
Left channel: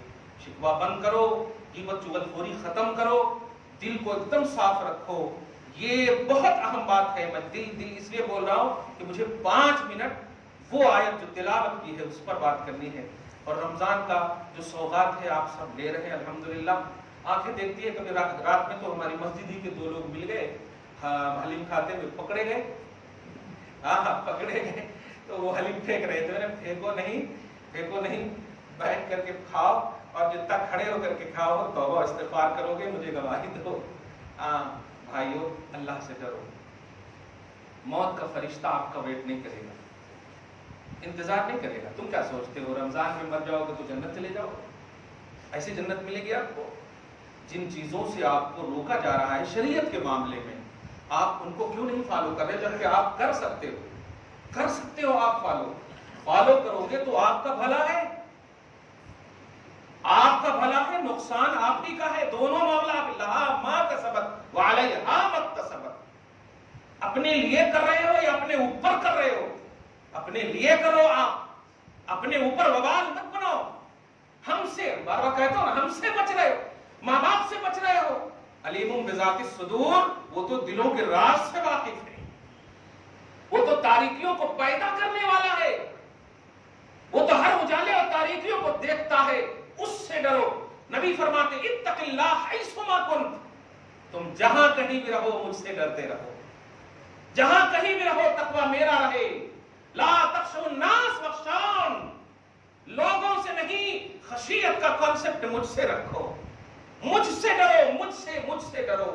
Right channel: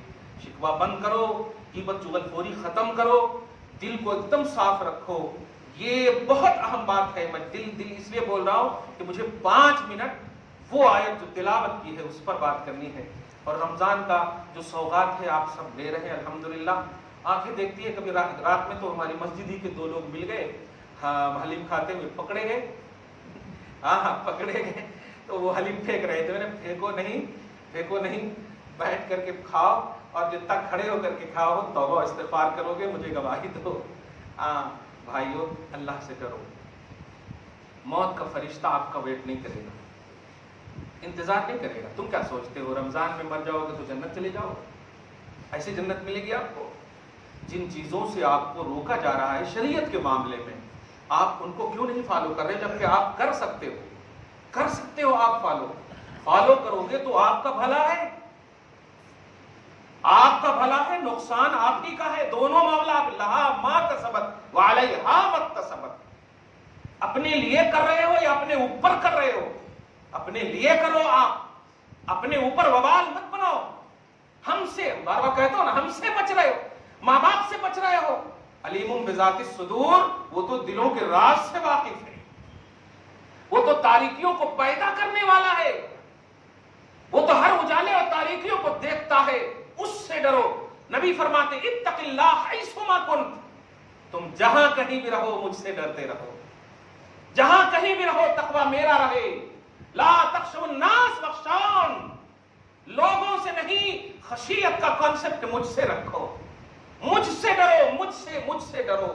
شکوہ بند کرو, غیبت چغلخوری ختم کرو, دل کو ایک دم صاف رکھو. یہ بہت اہم بات ہے. میں دل اس لیے بول رہا ہوں کہ مجھے 5 منٹ وہ آیت جو تلاوت کی ہے اس پر بات کرنی ہے. اور رمضان کا جو سوغات ہے آپ سب لے رہے ہیں الحمدللہ. آنکھیں دیکھتی ہے, کبھی رات میں تو ہماری مسجد ہی کے 2 لوگ مل گئے, حلیم کھاتے ہوئے پکڑے گئے, پکڑے گئے تو وہ حلیم پھینک رہے تھے. پھینکو نہیں, بیٹھ کر کے کھاؤ, اور جب تک کھڑے ہو کر کے کھاؤ توبہ استغفار کرو گے مجھے گواہی دو. بھائیو اللہ سے ڈرو, موت کا فرشتہ آپ کا ویٹ نہیں کرے گا, انتظار نہیں کرے گا. تم کیا سوچتے ہو رمضان میں مر جاؤ گے تو جنت چلے جاؤ گے؟ ایسی جنت ملے گی آپ کو؟ جن چیزوں سے آپ کو روکا جا رہا ہے شریعت کے معاملے میں، آپ ان کو کیوں نہیں فالو کر رہے جبکہ آپ کر سکتے ہو آپ فالو کرو گے تو آپ کا بھلا ہے، نقصان آپ ہی کا ہے. دونوں معاملہ لہا ما کسبت وعلیہا ما اکتسبت. اپنے لیے کر رہے ہو یا اپنے اوپر کر رہے ہو؟ اپنے لیے کرو، آپ اپنے اوپر وبال مت بناؤ. ہم سے بار بار کہتا ہوں نا، ہم سے بچ رہے ہو، ماں باپ سے بچ رہے ہو. علیم بذات الصدور، وہ تو دلوں کے راز سے واقف ہے، وہ تو تاریکیوں کو پیدا کرنے والا ہے، وہ تو ہر اجالے اور تاریکیوں کو دیکھتا ہے. اس سے ڈرو. نبی فرماتے اتق اللہ حیثما کنت، تم جہاں کہیں بھی رہو مجھ سے ڈرتے رہو، جہاں کہیں بھی رہو تقویٰ میرا رہے. لا تخشوا الناس واخشون، لوگوں سے نہیں، خشیت کا کانسیپٹ مجھ سے رکھو، مجھ سے ڈرو، مجھ سے ڈرو.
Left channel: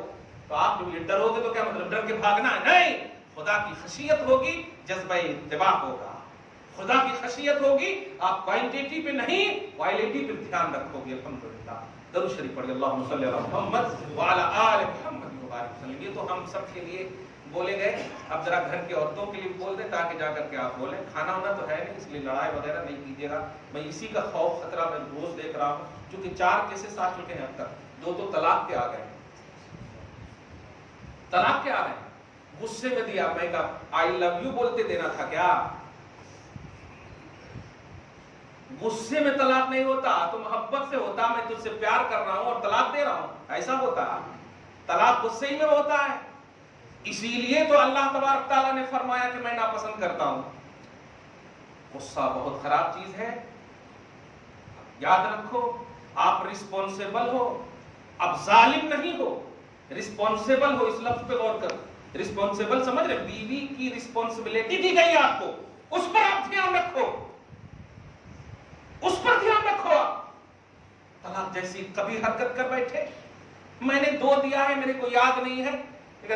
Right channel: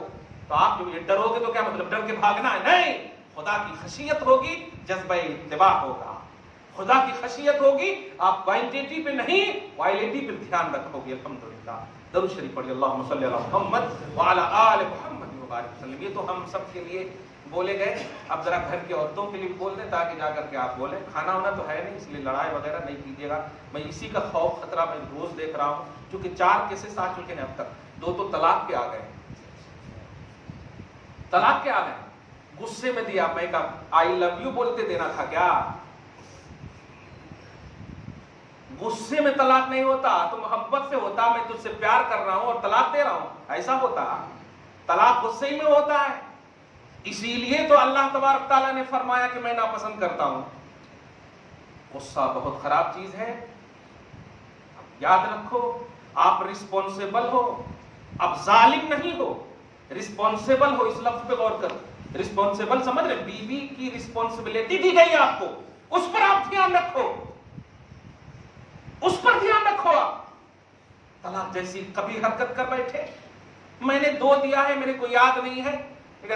تو آپ جو یہ ڈرو گے تو کیا مطلب ڈر کے بھاگنا ہے؟ نہیں، خدا کی خشیت ہوگی، جذبہ اتباع ہوگا. خدا کی خشیت ہوگی، آپ کوانٹیٹی پہ نہیں کوالٹی پہ دھیان رکھو گے. الحمدللہ. درود شریف پڑھیے، اللہم صلی علی محمد وعلی آل محمد وبارک وسلم. یہ تو ہم سب کے لیے بولے گئے، اب ذرا گھر کی عورتوں کے لیے بھی بول دیں تاکہ جا کر کے آپ بولیں. کھانا ہونا تو ہے نہیں، اس لیے لڑائی وغیرہ نہیں کیجیے گا. میں اسی کا خوف خطرہ میں روز دیکھ رہا ہوں، چونکہ 4 کیسز آ چکے ہیں اب تک. 2 تو طلاق کے آ گئے، غصے میں دیا. میں کہا آئی لو یو بولتے دینا تھا کیا؟ غصے میں طلاق نہیں ہوتا، تو محبت سے ہوتا. میں تجھ سے پیار کر رہا ہوں اور طلاق دے رہا ہوں، ایسا ہوتا. طلاق غصے ہی میں ہوتا ہے. اسی لیے تو اللہ تبارک تعالیٰ نے فرمایا کہ میں ناپسند کرتا ہوں. غصہ بہت خراب چیز ہے. یاد رکھو، آپ رسپانسیبل ہو، اب ظالم نہیں ہو، رسپانسیبل ہو. اس لفظ پہ غور کر. رسپانسیبل سمجھ رہے؟ بیوی کی رسپانسبلٹی دی گئی آپ کو، اس پر آپ دھیان رکھو، اس پر دھیان رکھو. آپ طلاق جیسی کبھی حرکت کر بیٹھے، میں نے 2 دیا ہے میرے کو یاد نہیں ہے.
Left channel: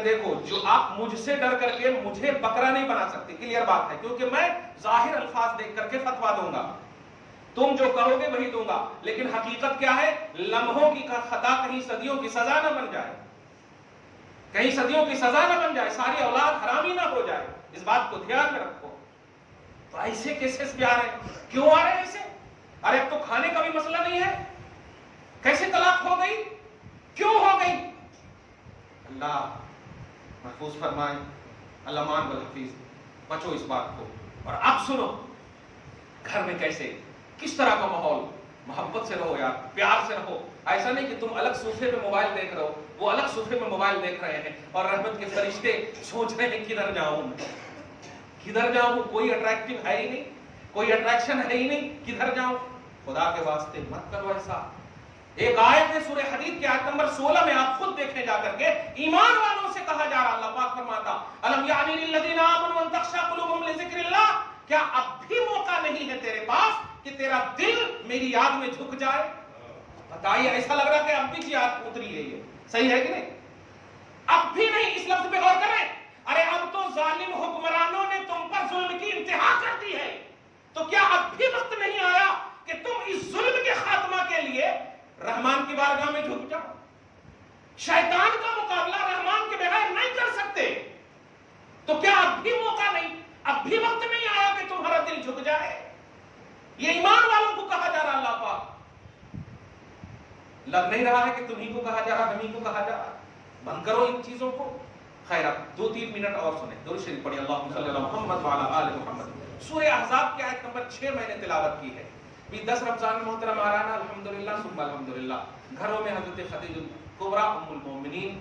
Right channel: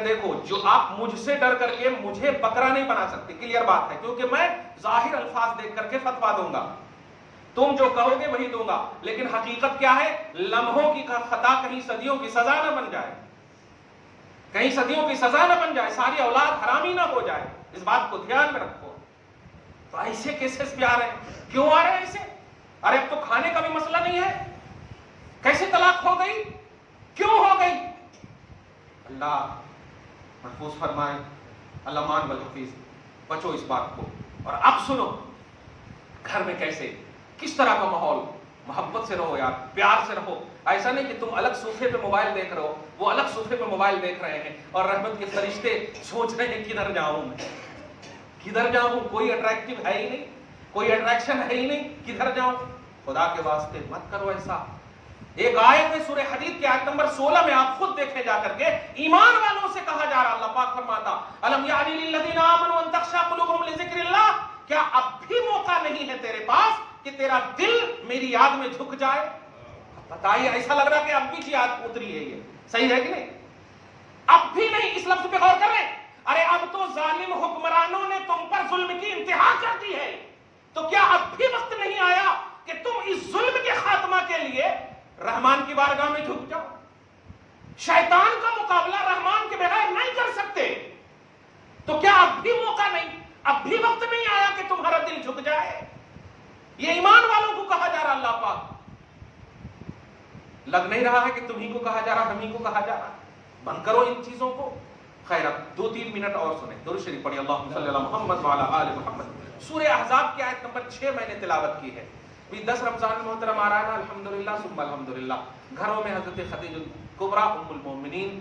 دیکھو، جو آپ مجھ سے ڈر کر کے مجھے بکرا نہیں بنا سکتے، کلیئر بات ہے، کیونکہ میں ظاہر الفاظ دیکھ کر کے فتوا دوں گا. تم جو کہو گے وہی دوں گا، لیکن حقیقت کیا ہے؟ لمحوں کی خطا کہیں صدیوں کی سزا نہ بن جائے، کہیں صدیوں کی سزا نہ بن جائے، ساری اولاد حرامی نہ ہو جائے. اس بات کو دھیان میں رکھو. تو ایسے کیسز بھی آ رہے ہیں. کیوں آ رہے ہیں ایسے؟ ارے اب تو کھانے کا بھی مسئلہ نہیں ہے، کیسے طلاق ہو گئی، کیوں ہو گئی؟ اللہ محفوظ فرمائے، الامان والحفیظ. بچو اس بات کو. اور اب سنو، گھر میں کیسے، کس طرح کا ماحول. محبت سے رہو یار، پیار سے رہو. ایسا نہیں کہ تم الگ صوفے پہ موبائل دیکھ رہے ہو، وہ الگ صوفے پہ موبائل دیکھ رہے ہیں، اور رحمت کے فرشتے سوچ رہے ہیں کدھر جاؤں، کوئی اٹریکٹیو ہے ہی نہیں، کوئی اٹریکشن ہے ہی نہیں، کدھر جاؤں. خدا کے واسطے مت کرو ایسا. ایک آیت ہے سورہ حدید کی آیت نمبر 16 میں، آپ خود دیکھیں جا کر کے، ایمان والوں سے کہا جا رہا. اللہ پاک فرماتا الم یعنی للذین آمنوا ان تخشع قلوبهم لذکر اللہ، کیا اب بھی موقع نہیں ہے تیرے پاس کہ تیرا دل میری یاد میں جھک جائے؟ بتائیے، ایسا لگ رہا کہ اب بھی یاد اتری ہے. یہ صحیح ہے کہ نہیں؟ اب بھی نہیں. اس لفظ پہ غور کریں. ارے اب تو ظالم حکمرانوں نے تم پر ظلم کی انتہا کر دی ہے، تو کیا اب بھی وقت نہیں آیا کہ تم اس ظلم کے خاتمہ کے لیے رحمان کی بارگاہ میں جھک جاؤ؟ شیطان کا مقابلہ رحمان کے بغیر نہیں کر سکتے، تو کیا اب بھی موقع نہیں، اب بھی وقت نہیں آیا کہ تمہارا دل جھک جائے؟ یہ ایمان والوں کو کہا جا رہا. اللہ پاک لگ نہیں رہا ہے کہ تمہیں کو کہا جا رہا، ہمیں کو کہا جا رہا. بند کرو ان چیزوں کو. خیر، اب 2-3 منٹ اور سنیں. درود شریف پڑھیے، اللہم صلی علی محمد وعلی آل محمد. سورہ احزاب کی آیت نمبر 6 میں نے تلاوت کی ہے. 10 رمضان محترم آ رہا ہے، الحمدللہ ثم الحمدللہ. گھروں میں حضرت خدیجہ کبریٰ ام المومنین،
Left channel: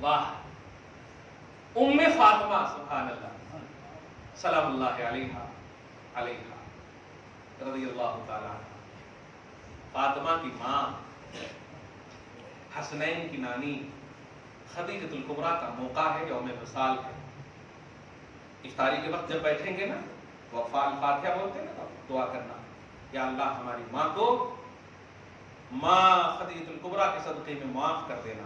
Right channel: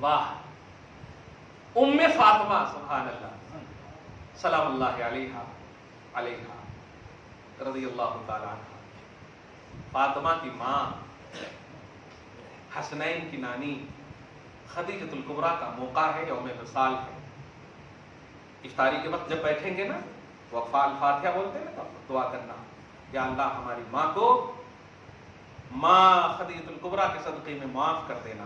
واہ، ام فاطمہ، سبحان اللہ، سلام اللہ علیہا رضی اللہ تعالی عنہ. فاطمہ کی ماں، حسنین کی نانی، خدیجۃ الکبریٰ کا موقع ہے، یوم وصال ہے. افطاری کے وقت جب بیٹھیں گے نا، وہ فاتحہ بولتے ہیں نا، دعا کرنا، یا اللہ ہماری ماں کو، ماں خدیجۃ الکبریٰ کے صدقے میں معاف کر دینا.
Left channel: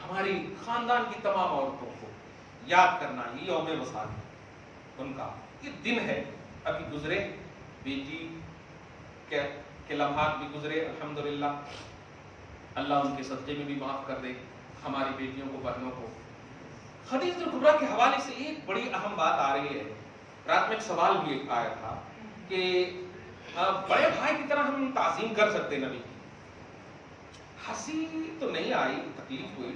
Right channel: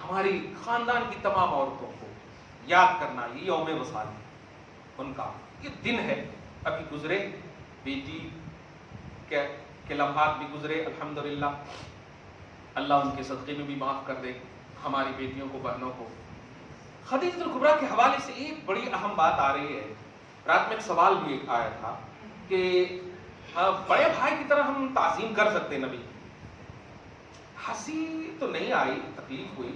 ہماری خاندان کی تمام عورتوں کو یاد کرنا. یہ یوم وصال ان کا یہ دن ہے. ابھی گزرے بیٹی کے لمحات بھی گزرے، الحمدللہ. اللہ ان کے صدقے میں بھی معاف کر دے ہماری بیٹیوں کو، بہنوں کو۔ خدیجۃ الکبریٰ کے حوالے سے ایک بڑی اہم بات آ رہی ہے۔ رات میں ایک سوال بھی ایک آیا تھا کہ بڑے بھائی کی طرح ہم تعظیم کر سکتے نبی کی؟ ہنسی تو نہیں آئی، تکلیف ہوئی،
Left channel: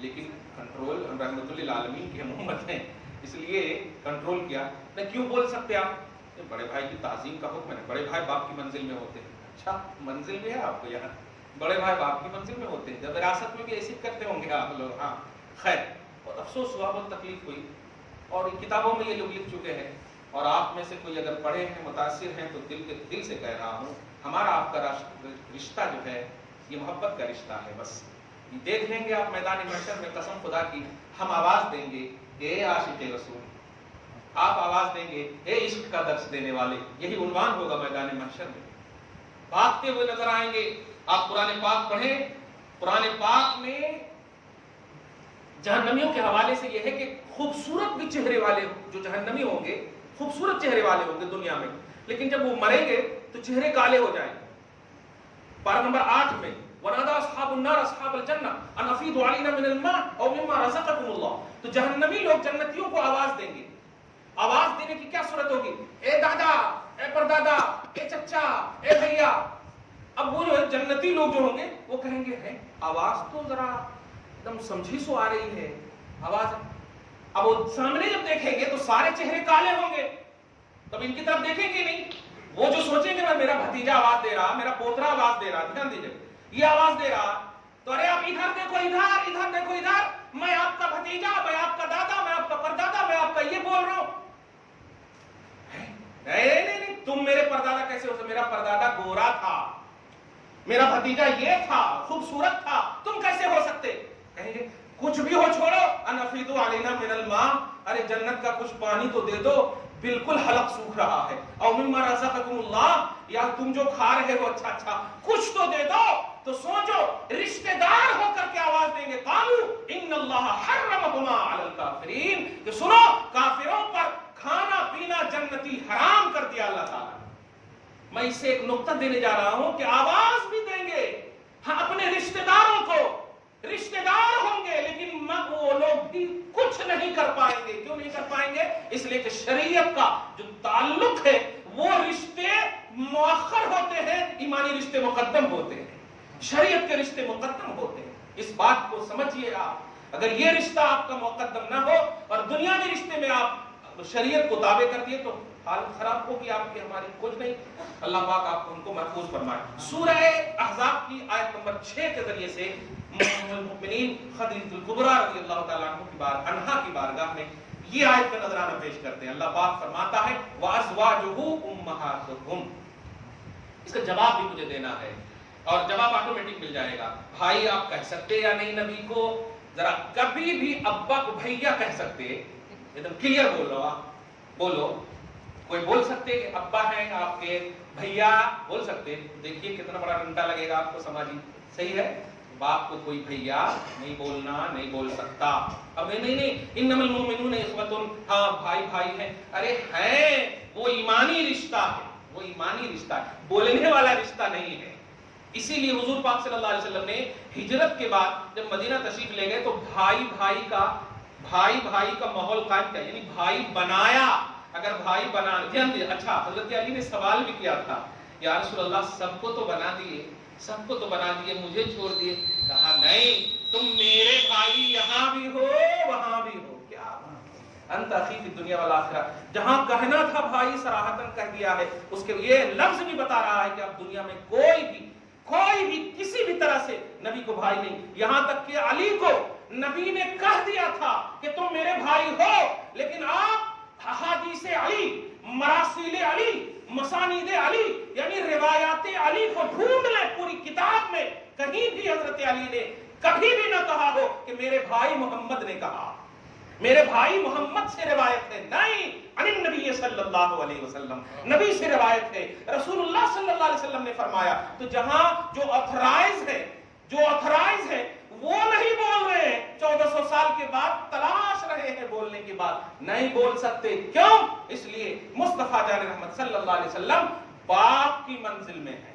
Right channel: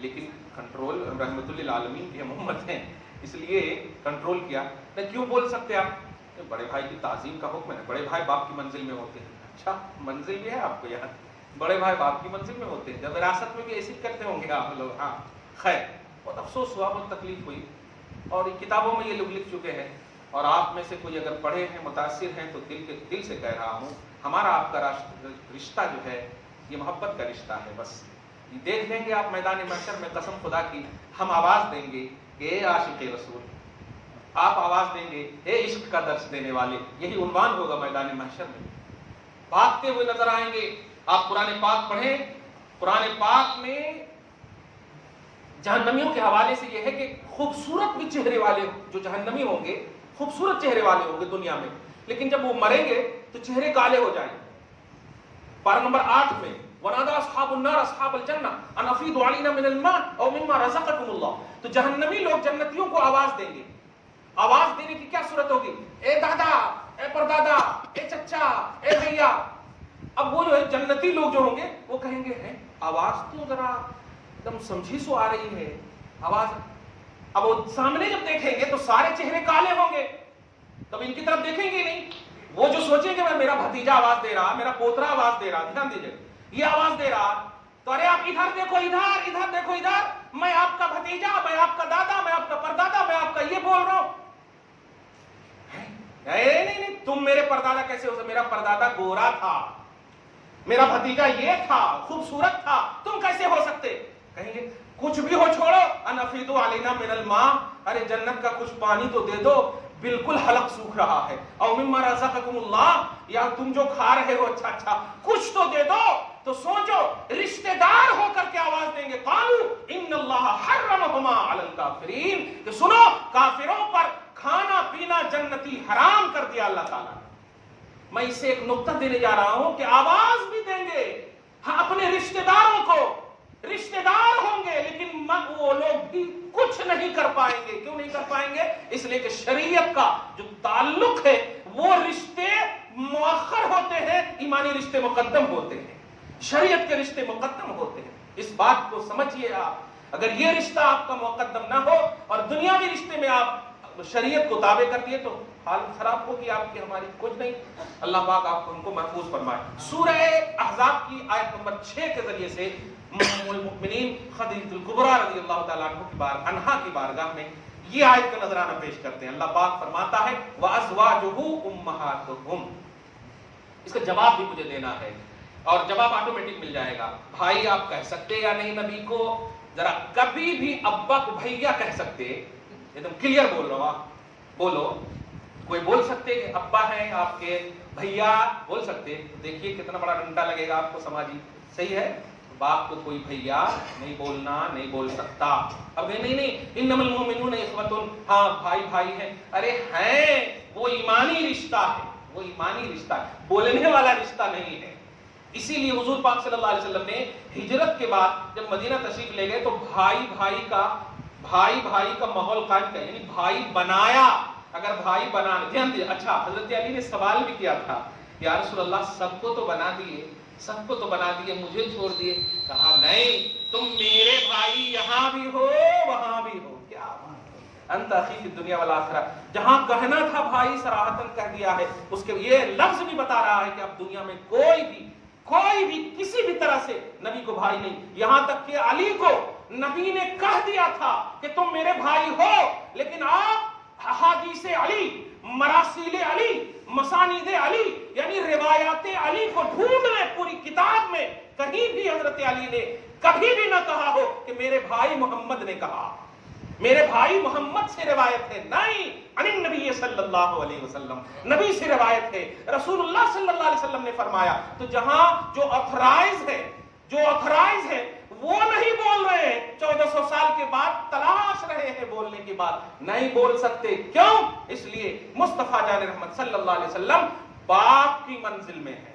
لیکن کنٹرول، رحمت للعالمین کی ہم امت ہیں اس لیے کنٹرول کیا۔ میں کیوں بول سکتے آپ؟ بڑے بھائی کی تعظیم کا حکم ہے، بڑے بھائی باپ کی منزل میں ہوتے ہیں۔ اچھا منزل بھی ہے آپ کو یہاں، بڑے بھائی باپ کی منزل میں ہوتے ہیں، جب وراثت میں بھی ایسے کرتے ہوں گے آپ لوگ۔ ہاں خیر، بہت افسوس ہوا، بہت تکلیف ہوئی، اور کتابوں میں یہ لوگ لکھ چکے ہیں، اور آپ میں سے کوئی اگر پڑھے ہیں، متاثر ہیں، تو دل سے کہہ رہا ہوں، ہمارا آپ کا رشتہ جو ہے یہ محبت کا رشتہ ہے۔ بس دیکھ لیں گے آپ میدان محشر میں، قسم خدا کی ہم آواز دیں گے، اے عاشق رسول، آپ آواز دیں گے، اے عشق کا درس دینے والے، یہی عنوان ہوگا میدان محشر میں۔ بھاگتے ہوئے نظر آئیں گے۔ آپ قرآن پاک پڑھیں، قرآن پاک میں جہنمیوں کے حوالے سے یہ ہے کہ خوبصورت بھی چہرے والے جو جہنمی ہوں گے، خوبصورت چہرے والے ہوں گے دنیا میں، لیکن جب وہ مریں گے تو چہرے کالے ہو جائیں گے۔ پارہ نمبر 8 میں وَنَادَىٰ أَصْحَابُ النَّارِ أَصْحَابَ الْجَنَّةِ أَنْ أَفِيضُوا عَلَيْنَا مِنَ الْمَاءِ أَوْ مِمَّا رَزَقَكُمُ اللَّهُ، تو جہنمی لوگ جنتیوں کو آواز دیں گے۔ آواز دینے کی کیا صورت ہوگی؟ اے دادا، اے پردادا، اے چچا، اے بھیا۔ اب وہ جو ہے جنتی لوگ جو ہوں گے وہ کہیں گے ہیں آواز تو ذرا ایک دم سمجھی سو آ رہی ہے آواز۔ اب وہ سامنے جب دیکھیں گے تو سارے چہرے کالے ہوں گے، تب ان کی طرف دیکھیں گے نہیں۔ وہ جو سوچیں گے میرا بھتیجا آواز دے رہا، میرا پوترا آواز دے رہا، دھیان دیجیے، یہ آواز دے رہا، تو ارے آپ ادھر دیکھو، ادھر ادھر دیکھو، ادھر، میں آپ کا بھتیجا، میں آپ کا دادا، میں آپ کا پردادا، میں آپ کا یہ بول رہا ہوں۔ نہیں، تم میرے پردادا کیسے ہو سکتے؟ میرا پردادا گورا تھا، میرا بھتیجا یہ تھا، خوبصورت تھا، تم کیسے ہو سکتے؟ کہیں گے کچھ بھی ہو چھوڑو، ان افیدوا علینا من الماء، ارے جنت کا کچھ پانی تو دے دو، بالکل حلق سوکھ رہا ہے، او مما رزقکم اللہ، یا تم جو کھا رہے ہو اچھا کچھ تو دے دو۔ تو سوچو، رشتہ دار ہو کر کے آواز دیں گے، قالوا ان اللہ حرمہما علی الکافرین، کہ سنو کافروں پر کھانا پینا جنتی حرام کر دیا اللہ تعالیٰ نے۔ میں اسے ایک نقطہ دینے جا رہا ہوں کہ آواز بھی دیں گے ہاں اپنے رشتہ داروں کو، رشتہ دار ہوں گے، لیکن وہ لوگ بھی کچھ نہیں کر پائیں گے۔ کیوں نہیں کر پائیں گے؟ اس لیے کہ شریعت کا جو تعلق ہے وہ رشتے مؤخر ہوتے ہیں، ایمانی رشتے مقدم ہوتے ہیں، شریعت کے رشتے مقدم ہوتے ہیں۔ اس بات کو سمجھیے آپ، اگر یہ رشتہ آپ کا مقدم نہ ہو اور دنیاوی رشتے میں آپ شریعت کو تابع کر دیے تو حالت خراب ہوگی آپ کی، ہماری کچھ نہیں۔ اللہ پاک آپ ہم کو محفوظ فرمائے۔ سورہ احزاب کی آیت نمبر 6 کے ذریعے سے ام المؤمنین خدیجۃ الکبریٰ رضی اللہ تعالیٰ عنہا کی بارگاہ میں یہ آیت کا نذرانہ پیش کرتے ہیں۔ اللہ پاک فرماتا ہے وَأَزْوَاجُهُ أُمَّهَاتُهُمْ، اس کا جواب بھی مجھے دینا ہے اور جواب آٹومیٹک مل جائے گا۔ بھائی آپ کہہ سکتے یا نہیں نبی کو؟ ذرا کبھی بھی ابا کو بھیا کہہ سکتے؟ ایک دم کلیئر بول رہا ہوں، بولو، کوئی بول سکتے کہ ابا ہیں آپ کے، بھیا بول سکتے؟ دیکھیے کتنا بڑا ڈنڈا لگے گا آپ کو سماجی، صحیح ہے؟ باپ کو کوئی بھیا نہیں بولنا، نہیں بول سکتا۔ اب نہیں انما المؤمنون اخوۃ، ہاں بھائی ہیں، ارے ہیں، وہ ایمانی رشتہ ہے، وہ ایمانی رشتہ ہے، بولنے والا رشتہ نہیں ہے۔ اسی لیے حضور پاک صلی اللہ علیہ وسلم نے ہجرت کے بعد جب مدینہ تشریف لے گئے تو بھائی بھائی کا ماحول قائم کیا، یعنی بھائی بنایا۔ اگر بھائی بنانا، دھیان دیجیے، اچھا حضرت علی نے سوال بھی کیا تھا، یا رسول اللہ سب کو تو بنا دیے، سب کو تو بنا دیے، مجھے چھوڑ دیے۔ کہا نہیں، تم میرے بھائی یہاں بھی ہو وہاں بھی ہو۔ کیا انت اخی فی الدنیا والآخرہ، جہاں کہنا تھا بھائی صراحتاً کہہ دیا ہے۔ اس کے یہ لفظ بھی بتا رہا ہے کہ اب دنیا میں کوئی بھی کسی بھی طرح سے نبی کو بھائی نہیں، یہاں تک کہ علی کو نبی نے کہہ دیا تھا کہ تم میرے بھائی ہو، لیکن آپ احادیث علی، مراسیل علی، مسانید علی، یعنی روایات علی کو ڈھونڈ لیں پوری کتاب میں، کہیں بھی حضرت علی نے کبھی بھی نہ کہا ہو کہ میرے بھائی محمد نے کہا، میرے بھائی محمد سے روایت ہے، نہیں، عن النبی صلی اللہ علیہ وسلم، نبی سے روایت ہے، رسول اللہ صلی اللہ علیہ وسلم نے فرمایا۔ تو جہاں جو آتھرائز ہے وہ نہیں بول رہے ہیں، 1400 سال کے بعد تلاش رہے ہیں بولنے کی بات، نہیں بول سکتے۔ کیوں؟ اس لیے مصطفیٰ جان رحمت صلی اللہ علیہ وسلم باپ کی منزل میں ہے،